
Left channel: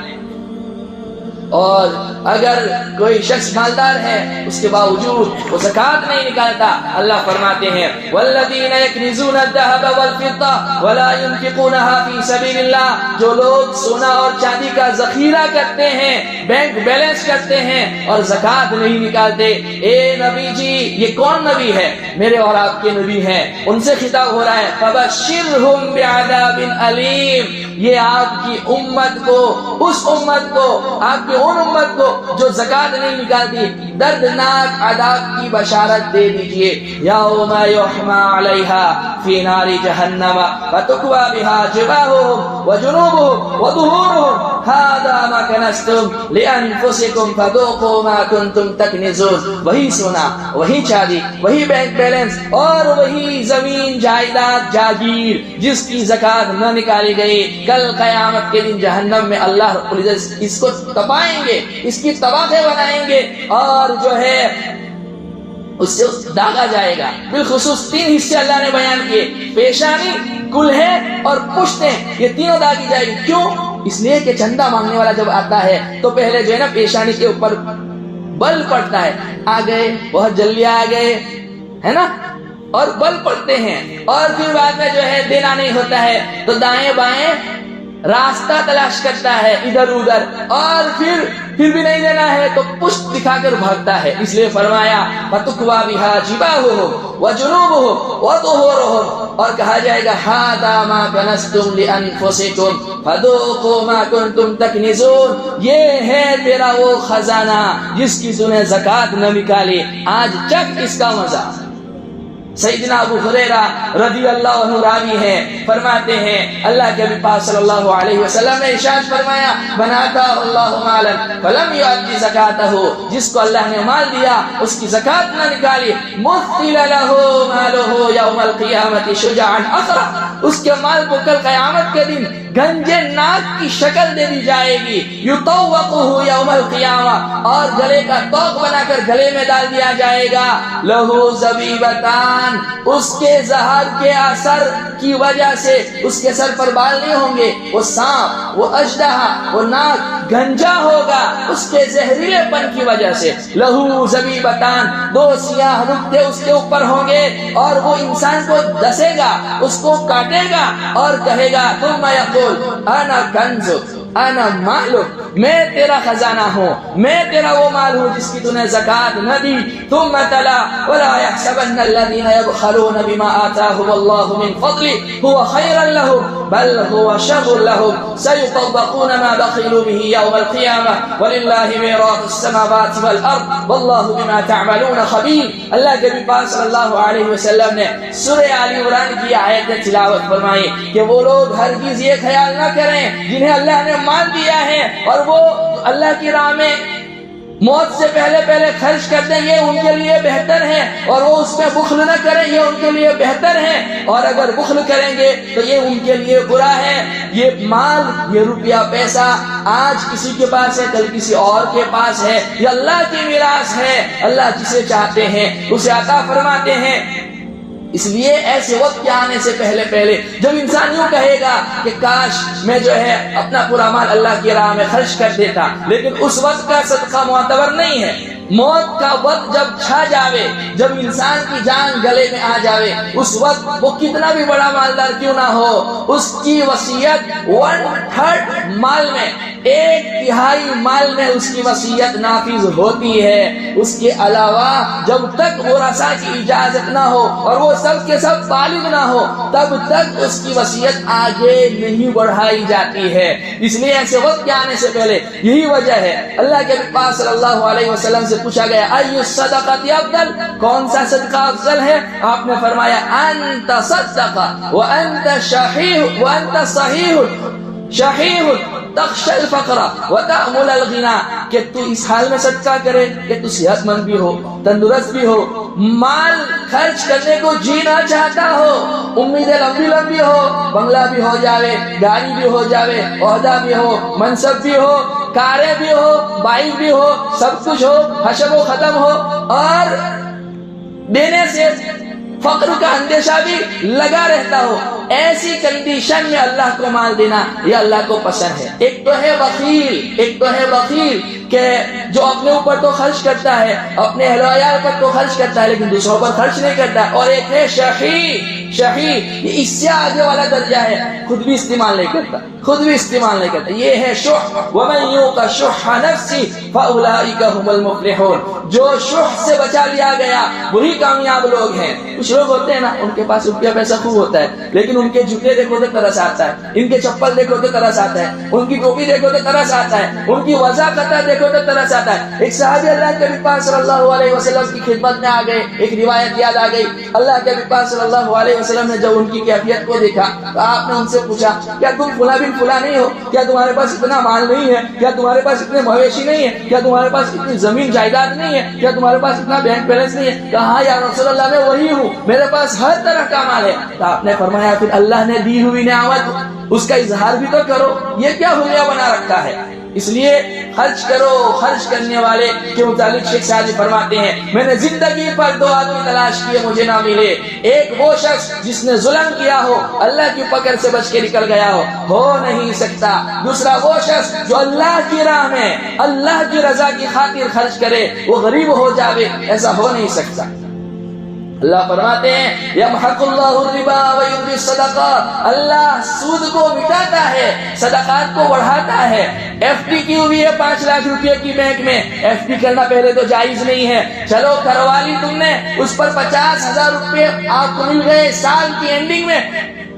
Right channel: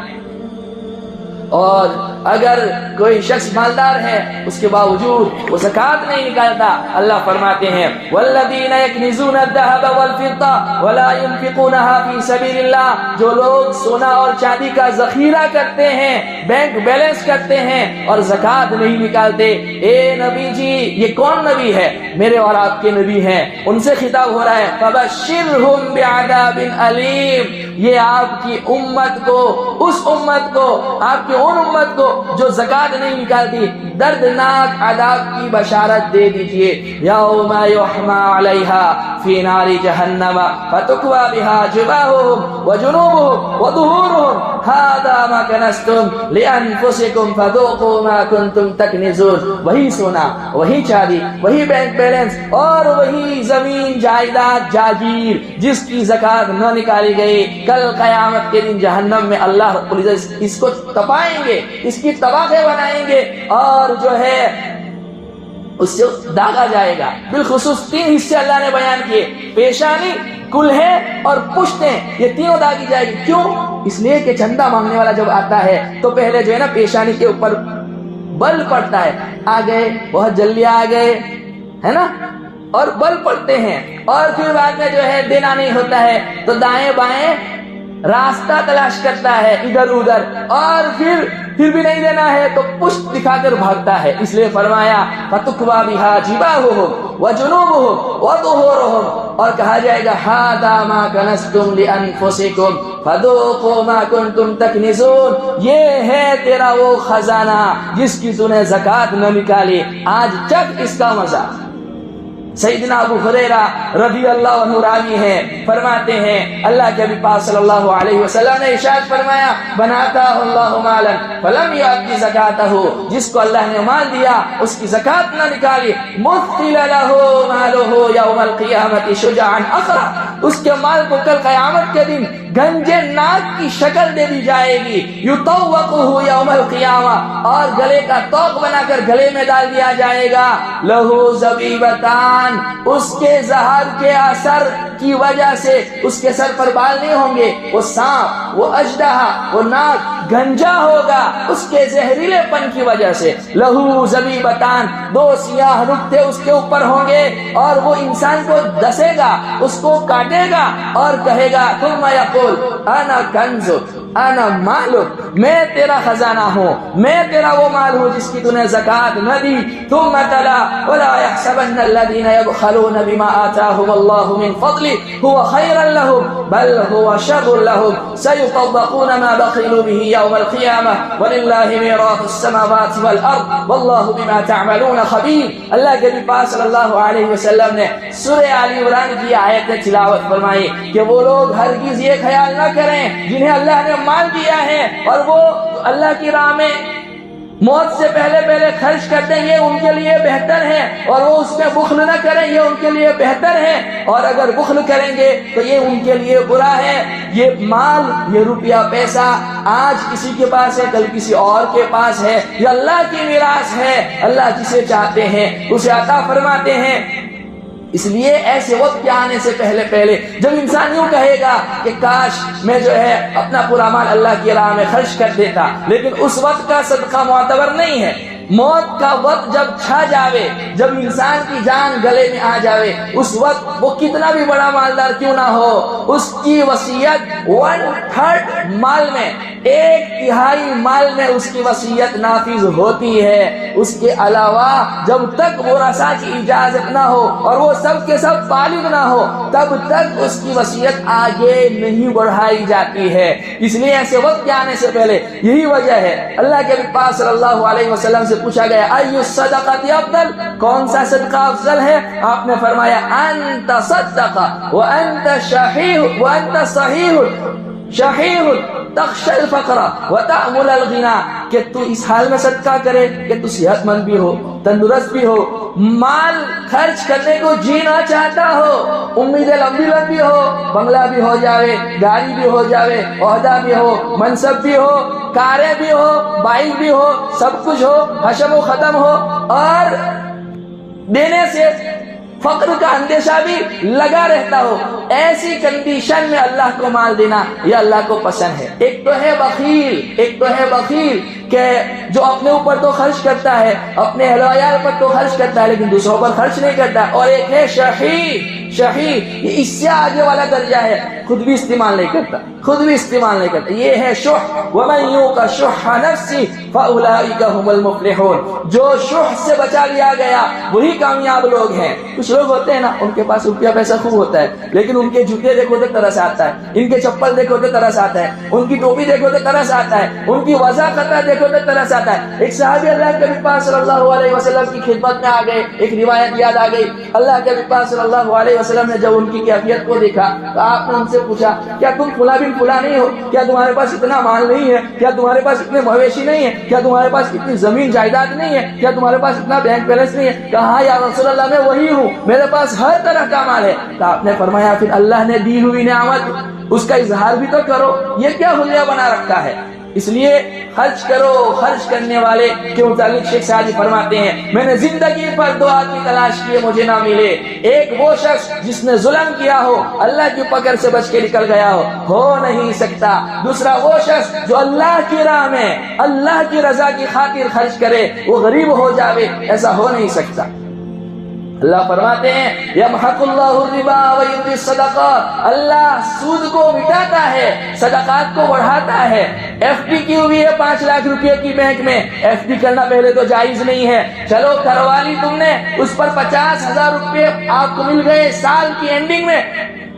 اور اگر کوئی شخص مالدار ہے اس کے باوجود وہ زکوٰۃ نہیں نکالتا, اللہ فرماتے ہیں والذین یکنزون الذهب والفضة ولا ينفقونها في سبيل اللہ, جو لوگ سونا اور چاندی کا ذخیرہ کرتے ہیں, بینک بیلنس کرتے ہیں اور زکوٰۃ نہیں نکالتے. اے نبی جی, یہ کون نبی ہے؟ میرے اور آپ کے نبی ہیں, ان سے خطاب ہو رہا ہے فبشرهم بعذاب علیم. یہ آپ کی امت کو, اس امت کو, آپ کی ان امت کو جو زکوٰۃ نہیں نکالتی, دردناک عذاب کی بشارت دے دیجئے. یوم یحمى علیہا فی نار جہنم فتکوی بها جباہهم وجنوبهم وظہورهم هذا ما کنزتم لانفسکم فذوقوا ما کنتم تکنزون. وہی سونا, وہی چاندی, وہی بینک بیلنس اور وہی زمین جائیداد جاگیر جس کی زکوٰۃ نہ نکالی گئی, کل قیامت کے دن جہنم میں اللہ رب العزت اس کو تپائیں گے, اس کی تباہی بنائیں گے, اور جو ہے اس سے داغا جائے گا. بالخصوص 3 حصے اللہ نے بیان کیے, پیشانی, کلہیں اور پشتیں، یہ تینوں داغی جائے گی۔ کیوں؟ اس لیے کہ چندہ مانگنے والا جب آتا ہے تو پہلے جو ہے نا پیشانی کے اوپر بل پڑتا ہے، آ گئے بہت جلدی آ گئے، ہے نا، اور بل پڑتے ہیں، اور پھر بعد میں جو ہے دینا نہیں ہوتا ہے تو دائیں بائیں راستہ تلاش کرتا ہے ادھر ادھر، اور پھر بھی نہیں دینا ہے تو پشت دکھا کر بھاگتا ہے۔ اس لیے فرمایا فَتُكْوَى بِهَا جِبَاهُهُمْ وَجُنُوبُهُمْ وَظُهُورُهُمْ، اور کہا جائے گا هَذَا مَا كَنَزْتُمْ لِأَنفُسِكُمْ فَذُوقُوا مَا كُنْتُمْ تَكْنِزُونَ، یہ ہے تیرا وہ خزانہ جس کی تو نے زکوٰۃ نہ نکالی، آج چکھ اس کا مزہ۔ سیدنا ابو ہریرہ رضی اللہ عنہ راوی ہیں، فرماتے ہیں اللہ کے نبی پاک صلی اللہ علیہ وسلم نے ارشاد فرمایا بناتا اللہ مالا فلم یؤتی زکاتہ، جس کو اللہ نے مال دیا اس کی زکوٰۃ نہ نکالی، مثل لہ مالہ یوم القیامۃ شجاعا اقرا، اس کے مال کو کل قیامت کے دن گنجے ناک کی شکل دے دی جائے گی، یطوقہ یوم القیامہ، اور گلے کا طوق بنا کر گلے میں ڈال دیا جائے گا، لہو زبیبتان، اس کے زہر کے اثر کی وجہ سے اس کے سر پر بال نہیں ہوں گے، وہ سانپ، وہ اژدہا، وہ ناک گنجا ہوگا اس کے زہریلے پن کی وجہ سے، لہو زبیبتان، دو سیاہ نقطے اس کے اوپر ہوں گے، اور وہ انسان کو ڈسے گا، اس کو کاٹے گا اور کہے گا ثم یقول انا کنزک انا مالک، میں تیرا خزانہ ہوں، میں تیرا وہ مال ہوں جس کی تو نے زکوٰۃ نہ دی۔ ثم تلا ولا يحسبن الذين يبخلون بما آتاهم الله من فضله هو خيرا لهم بل هو شر لهم سيطوقون ما بخلوا به يوم القيامة ولله ميراث السماوات والأرض والله بما تعملون خبير۔ اللہ کے نبی پاک صلی اللہ علیہ وسلم نے سورہ آل عمران کی آیت تلاوت فرمائی کہ وہ لوگ ہرگز یہ خیال نہ کریں جنہیں اللہ نے مال دیا ہے اور وہ اللہ کی راہ میں موت سے پہلے خرچ کر دیں، یہ ان کے لیے بہتر ہے، اور وہ اس میں بخل نہ کریں، یہ ان کے لیے بہتر ہے، اور اگر بخل کریں گے تو یہ ان کے لیے برا ہے۔ یہ مال، یہ روپیہ پیسہ آج کسی کے پاس ہے، کل کسی اور کے پاس ہے، یہ اللہ کی میراث ہے، اللہ جسے چاہتے ہیں اسے عطا فرماتے ہیں۔ اس لیے ایسے وقت کے آنے سے پہلے جب انسان یوں کہے گا کہ کاش میں جو ہے اپنا پورا مال اللہ کی راہ میں خرچ کر دیتا، لیکن اس وقت کا صدقہ معتبر نہیں ہے۔ موت کا وقت جب چھا جاوے، جب انسان کی جان گلے میں آ جاوے، اس وقت وہ کتنا بھی بڑا مالدار کیوں نہ ہو، اس کی وصیت 1/3 مال میں، 1/3 مال میں اس کی وصیت نافذ ہوتی ہے۔ اس کے علاوہ جب تک ورثاء کی اجازت نہ ہو اور وہ سب کے سب بالغ نہ ہو تب تک اس کی وصیت آگے نہیں بڑھائی جاتی ہے۔ اس لیے ایسے وقت کے آنے سے پہلے یہی وجہ ہے اللہ کے نبی پاک صلی اللہ علیہ وسلم سے پوچھا گیا ای الصدقۃ افضل، کون سا صدقہ افضل ہے؟ آپ نے فرمایا انت صدق وانت صحیح تخشى الفقر وتأمل الغنى، کہ تو اس حال میں صدقہ کرے کہ تو صحت مند بھی ہو، تندرست بھی ہو، مال خرچ کرنے کو جینا چاہتا ہو، امیدیں لمبی ہو، بنگلہ بھی ہو جاوے، گاڑی بھی ہو جاوے، عہدہ بھی ہو، منصب بھی ہو، کاریں بھی ہو، بائک بھی ہو، سب کچھ ہو، حشم و ختم ہو، اور دینے سے فقر کا اندیشہ بھی لگا رہتا ہو، ایسی کنڈیشن میں اللہ کو مال دینا یہ اللہ کو پسند ہے۔ ایک تو ہے بخیل کہ جو اپنے اوپر تو خرچ کرتا ہے، اپنے اہل و عیال پر تو خرچ کرتا ہے لیکن دوسروں پر خرچ نہیں کرتا، اور ایک ہے شحیح، یہ اس سے آگے والا درجہ ہے، خود بھی استعمال نہیں کرتا، یہ ہے شح۔ وَمَن يُوقَ شُحَّ نَفْسِهِ فَأُولَٰئِكَ هُمُ الْمُفْلِحُونَ، جو شح سے بچا لیا گیا وہی کامیاب لوگ ہیں۔ کچھ لوگ ہوتے ہیں نا، ان کے پاس روپیہ پیسہ خوب ہوتا ہے لیکن ان کے جوتے دیکھو تو ترس آتا ہے، ان کے چپل دیکھو تو ترس آتا ہے، ان کی ٹوپی دیکھو تو ترس آتا ہے، ان کی وضاحت دیکھو تو ترس آتا ہے۔ ایک صحابی اللہ کے نبی پاک صلی اللہ علیہ وسلم کی خدمت میں آ گئے، ایک روایت یاد آ گئی، اللہ کے نبی پاک صلی اللہ علیہ وسلم نے جب ان کی کیفیت کو دیکھا تو آپ نے ان سے پوچھا کیا تم فلاں بن فلاں نہیں ہو؟ کیا تمہارے پاس اتنا مال نہیں ہے؟ کیا تمہارے پاس اتنے مویشی نہیں ہے؟ کیا تمہارے پاس اتنی زمین جائیداد نہیں ہے؟ کیا تمہارے پاس اتنا بینک بیلنس نہیں ہے؟ کہا یا رسول اللہ میں وہی ہوں، میرے پاس ہر طرح کا مال ہے۔ تو آپ نے فرمایا پھر اللہ نے دی ہوئی نعمت اس کا اظہار بھی تو کرو، یہ کیا حلیہ بنا رکھا ہے؟ اس لیے خرچ کرو. خرچ کرنے والے کے متعلق شیخ سعدی فرماتے ہیں میں نے زندگی پر 2 آدمی تلاش کیے مجھے نہ ملے. ایک وہ شخص جس نے ظلم کیا ہو, اللہ کی پکڑ سے بچ کے نکل گیا ہو نہیں سکتا. دوسرا وہ شخص جو اللہ کی راہ میں اللہ کی رضا کی خاطر خرچ کرے, وہ غریب ہو جاوے, ایسا ہو نہیں سکتا. اللہ فرماتے ہیں یمحق اللہ الربا ویربی الصدقات, اللہ سود کو مٹاتا ہے, صدقات کو بڑھاتا ہے. ایف ڈی کی ہوئی ہے 5 لاکھ روپے کی بینک میں, ایف ڈی کرنا پہلے تو جائز نہیں ہے, چلو کروا لی تم نے, اس پر 50,000 روپے آپ کو مل گئے سال کی اینڈنگ میں.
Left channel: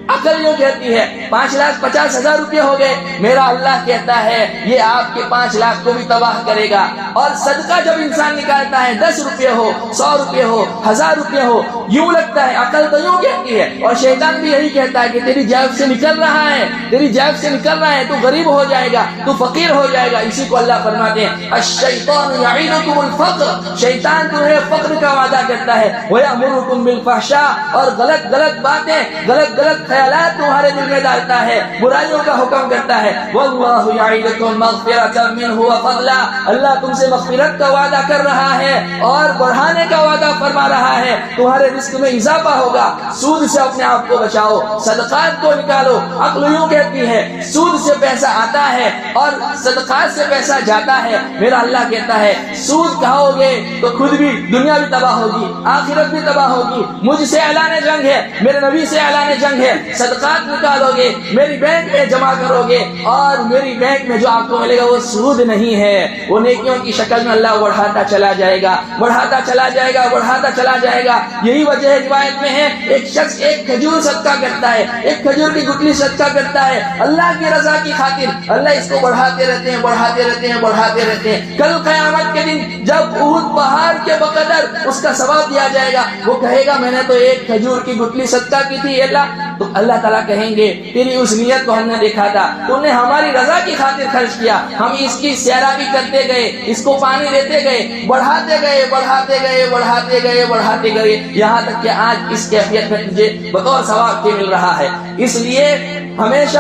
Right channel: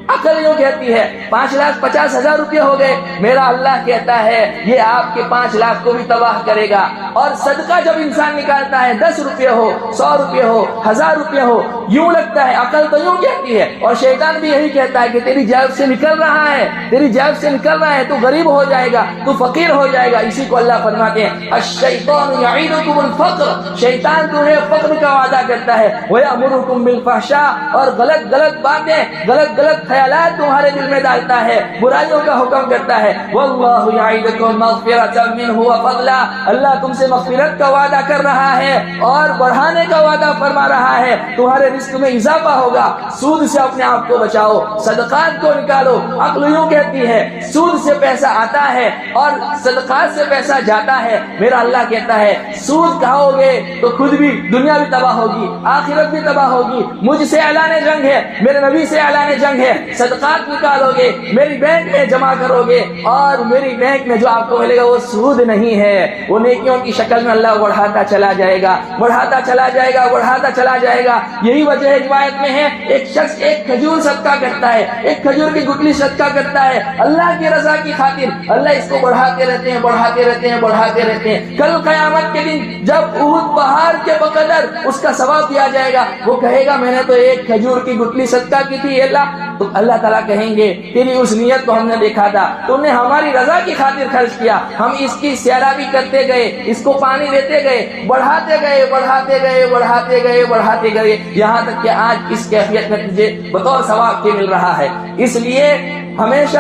عقل یوں کہتی ہے 5,50,000 روپے ہو گئے. میرا اللہ کہتا ہے یہ آپ کے 5 لاکھ کو بھی تباہ کرے گا. اور صدقہ جب انسان نکالتا ہے 10 روپے ہو, 100 روپے ہو, 1000 روپے ہو, یوں لگتا ہے, عقل تو یوں کہتی ہے, اور شیطان بھی یہی کہتا ہے کہ تیری جیب سے نکل رہا ہے, تیری جیب سے نکل رہا ہے, تو غریب ہو جائے گا, تو فقیر ہو جائے گا. اسی کو اللہ فرماتے ہیں الشیطان یعیدکم الفقر, شیطان تمہیں فقر کا وعدہ کرتا ہے, ویأمرکم بالفحشاء, اور غلط باتیں, غلط خیالات تمہارے دل میں ڈالتا ہے, برائیوں کا حکم کرتا ہے. واللہ یعیدکم مغفرۃ منہ وفضلا, اللہ تم سے مغفرت کا وعدہ کر رہا ہے اور بڑھانے کا وعدہ فرما رہا ہے, تمہارے رزق میں اضافہ ہوگا. سود سے اپنے آپ کو بچاؤ, صدقات کو نکالو. عقل یوں کہتی ہے سود سے پیسہ آتا ہے اور صدقات سے پیسہ جاتا ہے. میرا اللہ کہتا ہے سود کھاؤ گے تو خود بھی دنیا بھی تباہ ہوگی, آخرت بھی تباہ ہوگی. مجھ سے اعلان جنگ ہے, میرے نبی سے اعلان جنگ ہے. صدقات نکالو گے, میری بینک میں جمع کرو گے, اور میری بینک میں جو آپ کو ملے گا وہ سود نہیں ہے, وہ نیکیوں کی شکل میں اللہ بڑھاتا چلا جائے گا, بڑھاتا چلا جائے گا, بڑھاتا چلا جائے گا. یہی وجہ ہے روایت میں ہے ایک شخص ایک کھجور صدقہ کرتا ہے, ایک کھجور کی گٹلی صدقہ کرتا ہے اللہ کی رضا کی خاطر, اللہ اس کو بڑھاتے رہتے ہیں, بڑھاتے رہتے ہیں, بڑھاتے رہتے ہیں. کل قیامت کے دن جب احد پہاڑ کے بقدر اس کا ثواب دیا جائے گا, وہ کہے گا میں نے تو ایک کھجور کی گٹلی صدقہ کی تھی اللہ. تو اللہ تعالیٰ کہیں گے تیری اس نیت کو ہم نے دیکھا تھا, تم نے ہماری رضا کی خاطر خرچ کیا, ہم اس کی سیرابی کرتے گئے, اس کو پانی دیتے گئے, بڑھاتے گئے, بڑھاتے گئے, بڑھاتے گئے, بڑھاتے گئے, یہاں تک کہ آج اس کیفیت میں تجھے بطور ثواب کے مل رہا ہے. اس لیے ہمیشہ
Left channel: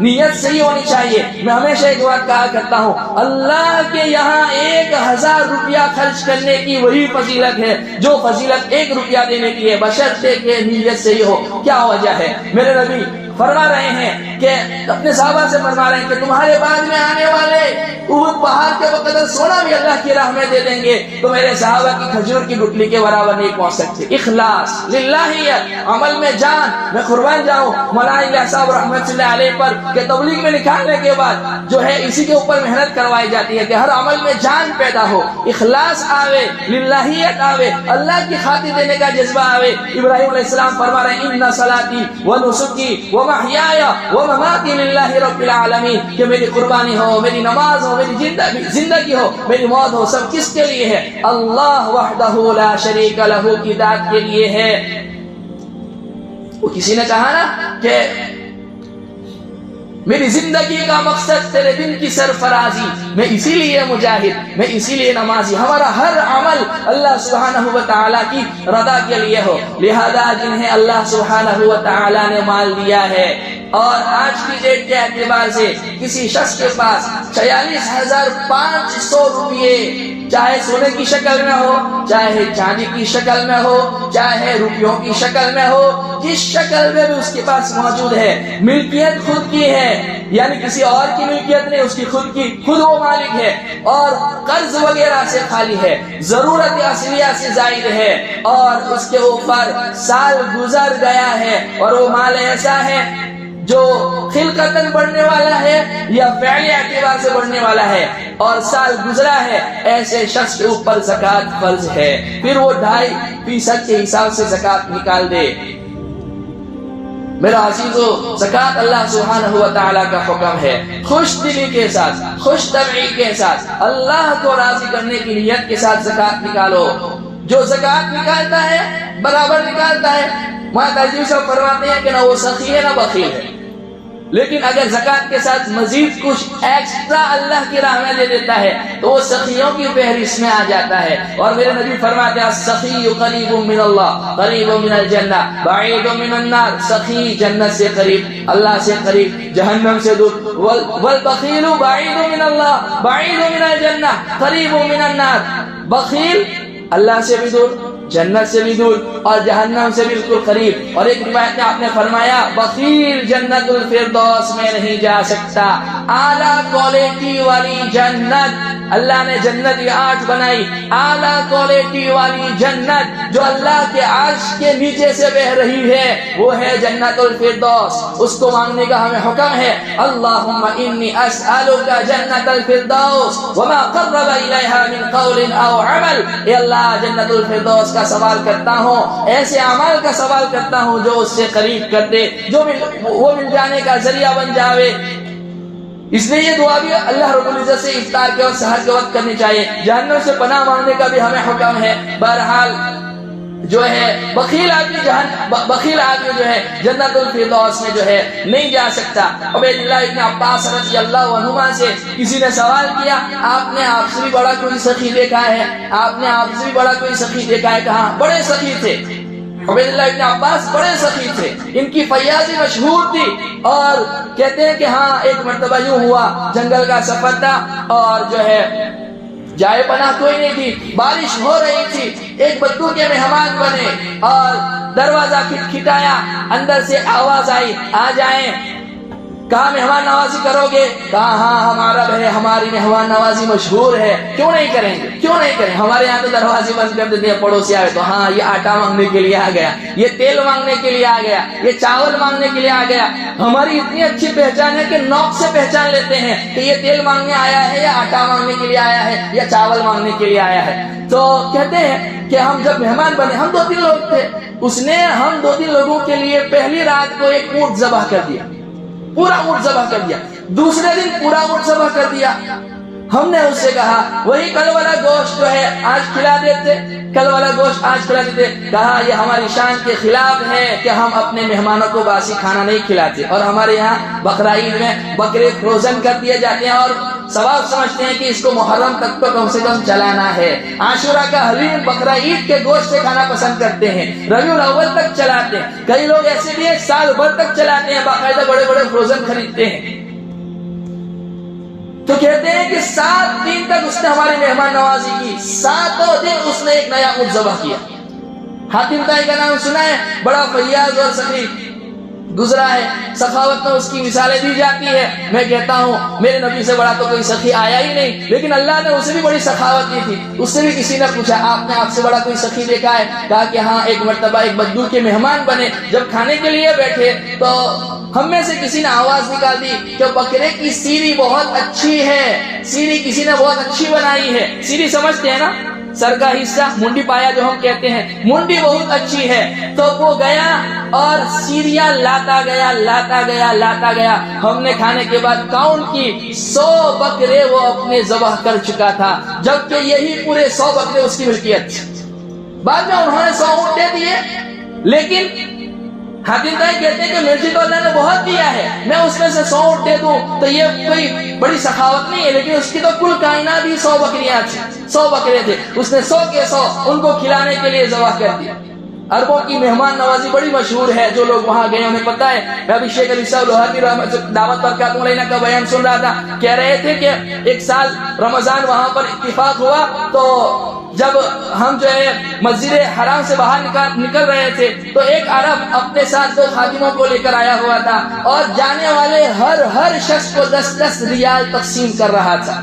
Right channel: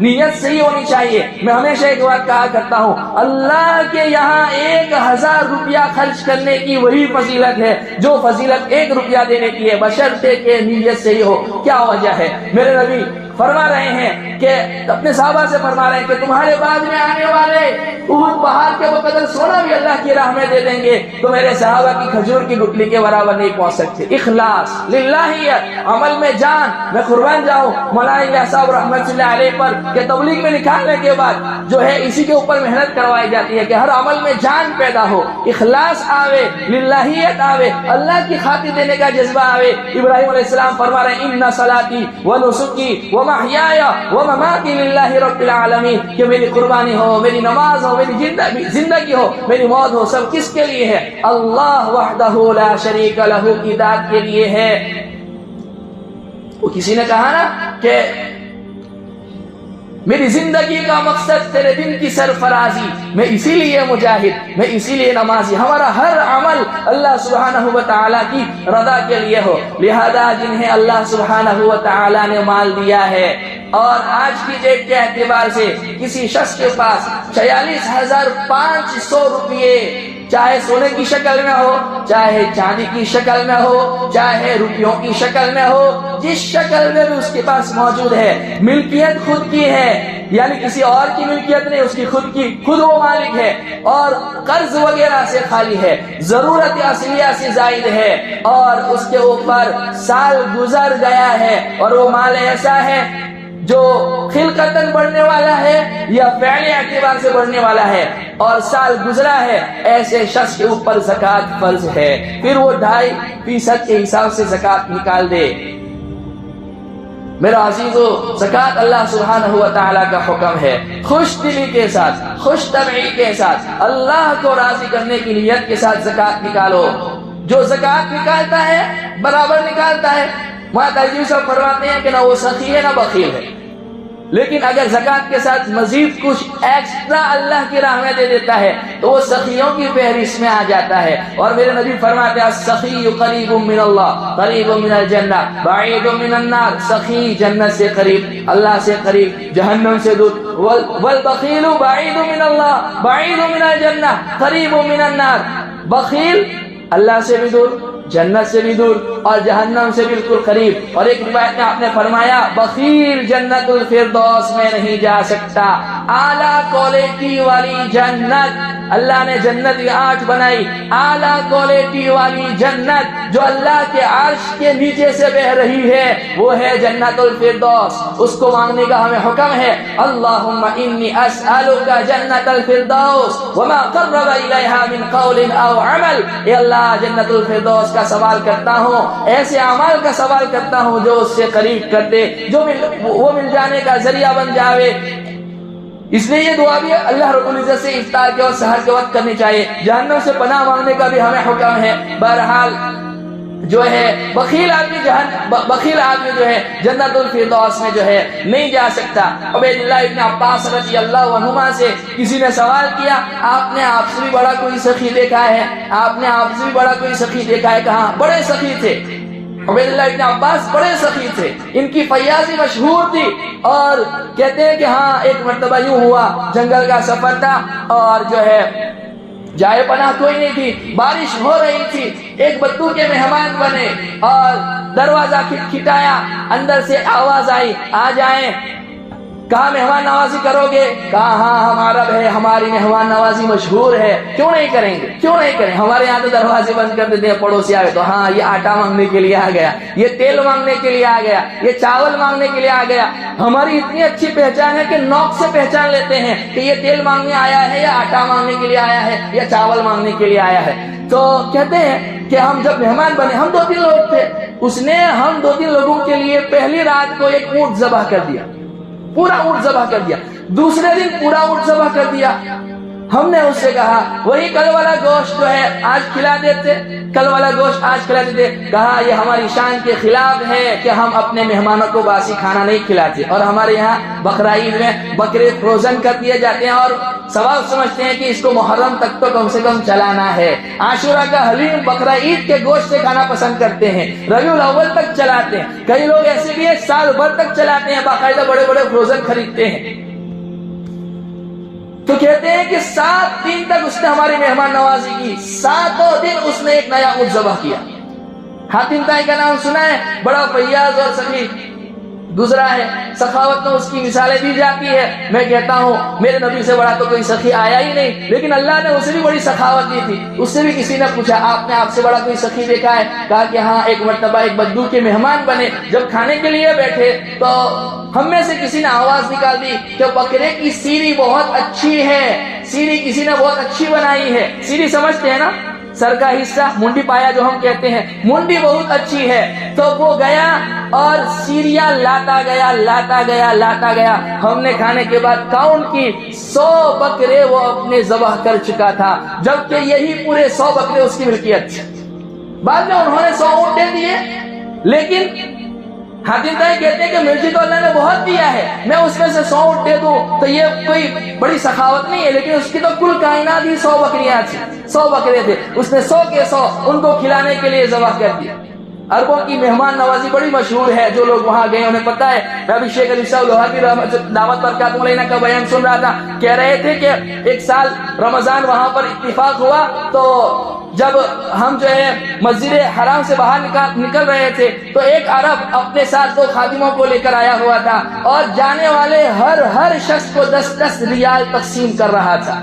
نیت صحیح ہونی چاہیے. میں ہمیشہ ایک بات کہا کرتا ہوں, اللہ کے یہاں 1000 روپیہ خرچ کرنے کی وہی فضیلت ہے جو فضیلت 1 روپیہ دینے کی ہے, بشرطے کہ نیت صحیح ہو. کیا وجہ ہے؟ میرے نبی فرما رہے ہیں کہ اپنے صحابہ سے فرما رہے ہیں کہ تمہارے بعد میں آنے والے احد پہاڑ کے بقدر سونا بھی اللہ کی راہ میں دے دیں گے تو میرے صحابہ کی کھجور کی گٹلی کے برابر نہیں پہنچ سکتے. اخلاص, للہیت, عمل میں جان. میں قربان جاؤں مولانا صاحب رحمت اللہ علیہ پر کہ تبلیغ میں نکالنے کے بعد جو ہے اسی کے اوپر محنت کروائی جاتی ہے کہ ہر عمل میں جان پیدا ہو, اخلاص آوے, للہیت آوے, اللہ کی خاطر دینے کا جذبہ آوے. ابراہیم علیہ السلام فرما رہے ہیں ان صلاتی ونسکی ومحیای ومماتی للہ رب العالمین, کہ میری قربانی ہو, میری نماز ہو, میری زندگی ہو, میری موت ہو, سب کس کے لیے ہے؟ اللہ وحدہ لا شریک لہ کی ذات کے لیے ہے. وہ کسی نے کہا نا کہ میری زندگی کا مقصد تیرے دن کی سرفرازی, میں اسی لیے مجاہد, میں اسی لیے نمازی. ہمارا ہر عمل اللہ سبحانہ و تعالیٰ کی رضا کے لیے ہو. لہذا جنہیں اللہ سبحانہ و تعالیٰ نے مال دیا ہے, اور آج کی ڈیٹ کے اعتبار سے کسی شخص کے پاس 46,500 روپئے, چاہے سونے کی شکل میں ہو, چاہے چاندی کی شکل میں ہو, چاہے روپیوں کی شکل میں ہو, جس شکل میں بھی اس کے پاس موجود ہے, ملکیت خود کی ہے, یعنی کسی اور کی ملکیت نہیں, اس کی خود کی, خود وہ مالک ہے, اور قرض وغیرہ سے خالی ہے, ضرورت اصلیہ سے زائد ہے, اور اس کے اوپر سال گزر گیا ہے, اور وہ مال ایسا ہے جو خلقتاً بڑھنے والا ہے یا فعلی اعتبار سے بڑھنے والا ہے, اور سال گزرا ہے, ایسے شخص کے اوپر زکوٰۃ فرض ہے. پھر وہ 2.5% کے حساب سے زکوٰۃ نکال دے. میرا عزیزو, زکوٰۃ اللہ سبحانہ و تعالیٰ کا حکم ہے. خوش دلی کے ساتھ, خوش طبعی کے ساتھ, اللہ کو راضی کرنے کی نیت کے ساتھ زکوٰۃ نکالو. جو زکوٰۃ نکالتا ہے برابر نکالتا ہے. ماں ترجیح سے فرماتے ہیں کہ نہ وہ سخی ہے نہ بخیل ہے. لیکن اگر زکات کے ساتھ مزید کچھ ایکسٹرا اللہ کی راہ میں دے دیتا ہے تو وہ سخیوں کی فہرست میں آ جاتا ہے. اور میرے نبی فرماتے ہیں السخی قریب من اللہ قریب من الجنہ بعید من النار. سخی جنت سے قریب، اللہ سے قریب، جہنم سے دور. والبخیل بعید من اللہ بعید من الجنہ قریب من النار. بخیل اللہ سے بھی دور، جنت سے بھی دور اور جہنم سے بالکل قریب. اور ایک روایت میں آپ نے فرمایا بخیل جنت الفردوس میں نہیں جا سکتا. اعلیٰ کوالٹی والی جنت، اللہ نے جنت یہ 8 بنائی، اعلیٰ کوالٹی والی جنت جو اللہ کے عرش کے نیچے سے بہ رہی ہے وہ ہے جنت الفردوس. اس کو مانگنے کا ہمیں حکم ہے. اللہم انی اسألک جنت الفردوس وما قرب الیہا من قول او عمل. اے اللہ جنت الفردوس کا سوال کرتا ہوں، ایسے اعمال کا سوال کرتا ہوں جو اس سے قریب کر دے، جو وہ مل جانے کا ذریعہ بن جاوے. اس لیے یہ دعا بھی اللہ رب العزت سے افطار کے وقت سحر کے وقت کرنی چاہیے. جہنم سے پناہ مانگنے کا بھی ہمیں حکم ہے. بہرحال جو ہے بخیل آدمی جو ہے جنت الفردوس میں جو ہے نہیں جا سکتا. عبید اللہ ابن عباس رضی اللہ عنہما سے کسی نے سوال کیا آپ نے آپ سے بھی بڑا کوئی سخی دیکھا ہے؟ آپ نے آپ سے بھی بڑا کوئی سخی دیکھا ہے؟ کہاں؟ بڑے سخی تھے. عبید اللہ ابن عباس بڑے سخی تھے، ان کی فیاضی مشہور تھی. اور کہتے ہیں کہ ہاں ایک مرتبہ یوں ہوا جنگل کا سفر تھا اور جو ہے جائے پناہ کوئی نہیں تھی، بارش ہو رہی تھی. ایک بدو کے مہمان بنے اور دروازہ کھٹکھٹایا، اندر سے آواز آئی آ جائیں. کہا مہمان نوازی کرو گے؟ کہا ہاں ہماری مہمان نوازی مشہور ہے، کیوں نہیں کریں گے، کیوں نہیں کریں. ہمارے یہاں تو دروازے بند کر دیتے ہیں پڑوسی آئے تو. ہاں یہ آٹا مانگنے کے لیے آ گیا، یہ تیل مانگنے کے لیے آ گیا، یہ چاول مانگنے کے لیے آ گیا. ہماری اتنی اچھی پہچان ہے کہ نوک سے پہچان لیتے ہیں کہ یہ تیل مانگنے آیا ہے یا آٹا مانگنے کے لیے آیا ہے یا چاول مانگنے کے لیے آیا ہے. تو کہتے ہیں کہ ہم جب مہمان بنے، ہم 2-3 لوگ تھے، اس نے ہم 2-3 لوگوں کے لیے پہلی رات کو ایک اونٹ ذبح کر دیا، پورا اونٹ ذبح کر دیا. دوسرے دن پورا اونٹ ذبح کر دیا. ہم نے اس سے کہا وہی کل والا گوشت جو ہے آج کھلا دیتے، کل والا گوشت آج کھلا دیتے. کہا یہ ہماری شان کے خلاف ہے کہ ہم اپنے مہمانوں کو باسی کھانا نہیں کھلاتے. اور ہمارے یہاں بقرعید میں بکرے فروزن کر دیے جاتے ہیں اور ثواب سمجھتے ہیں کہ اس کو محرم تک تو کم سے کم چلانا ہے. عاشورہ کا حلیم بقرعید کے گوشت سے کھانا پسند کرتے ہیں، ربیع الاول تک چلاتے ہیں. کئی لوگ ایسے بھی ہیں سال بھر تک چلاتے ہیں، باقاعدہ بڑے بڑے فروزن خریدتے ہیں. تو کہتے ہیں کہ 7 دن تک اس نے ہماری مہمان نوازی کی. 7 دن اس نے ایک نیا اونٹ ذبح کیا. حاتم طائی کا نام سنا ہے، بڑا فیاض اور سخی گزرا ہے. سخاوت میں اس کی مثالیں دی جاتی ہے. میں کہتا ہوں میرے نبی سے بڑا تو کوئی سخی آیا ہی نہیں، لیکن اللہ نے اسے بھی بڑی سخاوت دی تھی. اس سے بھی کسی نے پوچھا آپ نے آپ سے بڑا کوئی سخی دیکھا ہے؟ کہا کہ ہاں ایک مرتبہ ایک بدو کے مہمان بنے، جب کھانے کے لیے بیٹھے تو ہم میں سے کسی نے آواز نکال دی کہ بکرے کی سیری بہت اچھی ہے، سیری کسی نے بہت اچھی بنائی ہے. سیری سمجھتے ہیں نا، سر کا حصہ، منڈی پایا جو ہم کہتے ہیں، منڈی بہت اچھی ہے. تو وہ گیا اور سیریاں لاتا گیا. ہم نے کھانے کے بعد کاؤنٹ کی 100 بکرے وہ اپنے ذبح کر چکا تھا، جبکہ یہی پورے 100 بکرے اس کی ملکیت. بعد میں انہوں نے 100 اونٹ دے دیے. لیکن حاتم طائی کہتے ہیں کہ مرچی تو اللہ نے بہت دیا ہے، میں اس میں سے 100 اونٹ دے دوں تو یہ کوئی بڑی سخاوت نہیں ہے. لیکن اس کی تو کل کائنات ہی 100 بکریاں تھیں، 100 بکرے تھے. اس نے 100 کے 100 ان کو کھلانے کے لیے ذبح کر دیا. عربوں کی مہمان نوازی بڑی مشہور ہے، جو لوگ وہاں گئے انہیں پتہ ہے. میں ابھی شیخ علی صاحب لوہابی دعوت برکاتہ علیہ کا بیان سن رہا تھا، کہہ رہے تھے کہ ایک سال رمضان وہاں پر اتفاق ہوا تو جب ہم جو ہے مسجد حرام سے باہر نکل رہے تھے تو ایک عرب اپنے ساتھ 2 خادموں کو لے کر آیا ہوا تھا اور جانے والے ہر شخص کو 10 ریال تقسیم کر رہا تھا.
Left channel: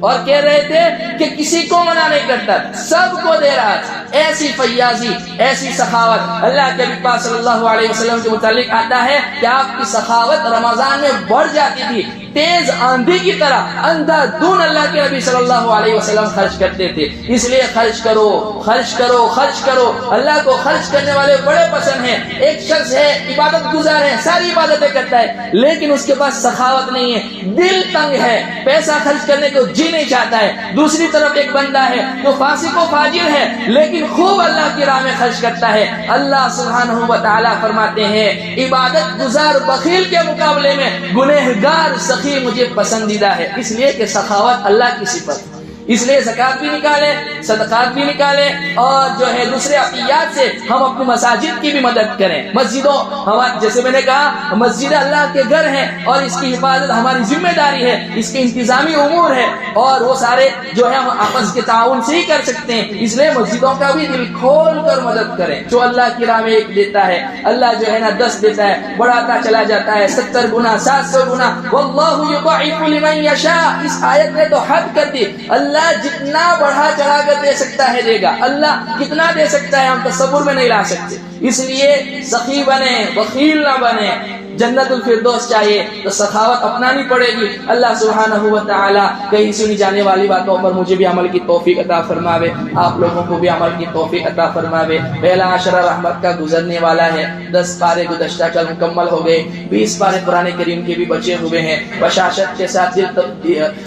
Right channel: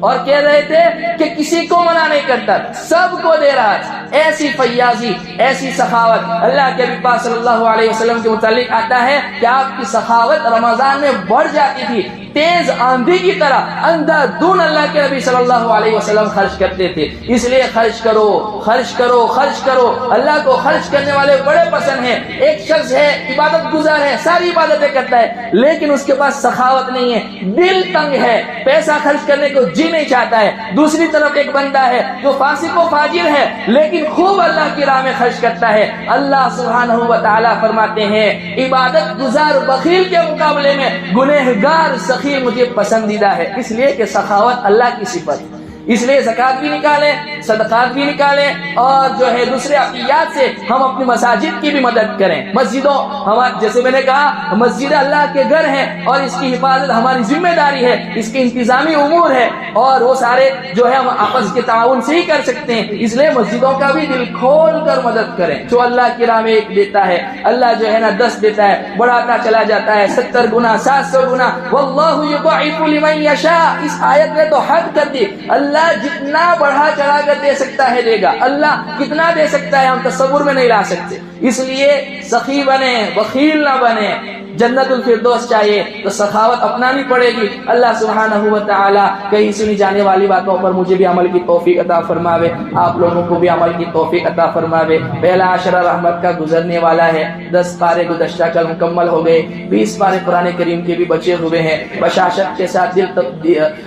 اور کہہ رہے تھے کہ کسی کو منع نہیں کرتا، سب کو دے رہا تھا. ایسی فیاضی، ایسی سخاوت. اللہ کے پاک صلی اللہ علیہ وسلم کے متعلق آتا ہے کہ آپ کی سخاوت رمضان میں بڑھ جاتی تھی. تیز آندھی کی طرح اندھا دھن اللہ کے نبی صلی اللہ علیہ وسلم خرچ کرتے تھے. اس لیے خرچ کرو خرچ کرو خرچ کرو. اللہ کو خرچ کرنے والے بڑے پسند ہیں. ایک شخص ہے عبادت گزار ہے, ساری عبادتیں کرتا ہے, لیکن اس کے پاس سخاوت نہیں ہے, دل تنگ ہے, پیسہ خرچ کرنے کو جی نہیں چاہتا ہے. دوسری طرف ایک بندہ ہے جو فاسق و فاجر ہے لیکن خوب اللہ کی راہ میں خرچ کرتا ہے. اللہ سبحانہ و تعالی فرماتے ہیں عبادت گزار بخیل کے مقابلے میں گنہگار سخی مجھے پسندیدہ ہے. اس لیے کہ سخاوت اللہ کی صفت. اس لیے زکات بھی نکالیں, صدقات بھی نکالیں, اور جو ہے دوسرے عطیات سے ہم اپنی مساجد کی بھی مدد کریں. مسجدوں جیسے میں نے کہا مسجد اللہ کے گھر ہیں اور اس کی حفاظت ہماری ذمہ داری ہے, اس کے انتظامی امور ہے, اور وہ سارے جو ہے ہم آپس کے تعاون سے ہی کر سکتے ہیں. اس لیے مسجدوں کا بھی دل کھول کر مدد کریں. جو اللہ کی راہ میں ایک دیتا ہے اللہ جو ہے نا 10 دیتا ہے, بڑھاتا چلا جاتا ہے 70 گنا 700 گنا. واللہ یضاعف لمن یشاء. اس آیت نے تو حد کر دی. اللہ جتنا بڑھا چڑھا کر دے سکتا ہے دے گا. اللہ کتنا دے سکتا ہے ہم تصور میں نہیں لا سکتے. اس لیے سخی بنے, بخیل نہ بنے. جنت الفردوس چاہیے تو سخاوت اپنانی پڑے گی. اللہ سبحانہ و تعالی کہیں سنی جانے والی باتوں پر مجھے بھی عمل کی توفیق عطا فرماوے, آپ لوگوں کو بھی عمل کی توفیق عطا فرماوے. پہلا عشرہ رحمت کا گزرنے والا ہے. 10 پارے گزشتہ کل مکمل ہو گئے, 20 پارے قرآن کریم کے بھی بچے ہوئے ہیں. بشاشت کے ساتھ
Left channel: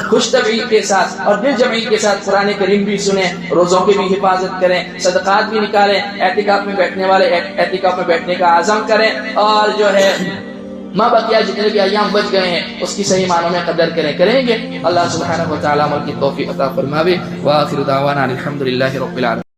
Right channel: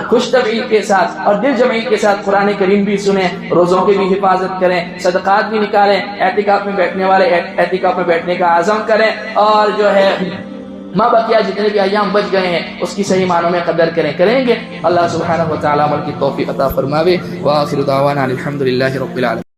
خوش طبعی کے ساتھ اور دل جمعی کے ساتھ قرآن کریم بھی سنیں, روزوں کی بھی حفاظت کریں, صدقات بھی نکالیں, اعتکاف میں بیٹھنے والے اعتکاف میں بیٹھنے کا عزم کریں, اور جو ہے ماں بقیہ جتنے بھی ایام بچ گئے ہیں اس کی صحیح معنوں میں قدر کریں گے. اللہ سبحانہ و تعالی عمل کی توفیق عطا فرماوے. وآخر دعوانا الحمدللہ رب العالمین.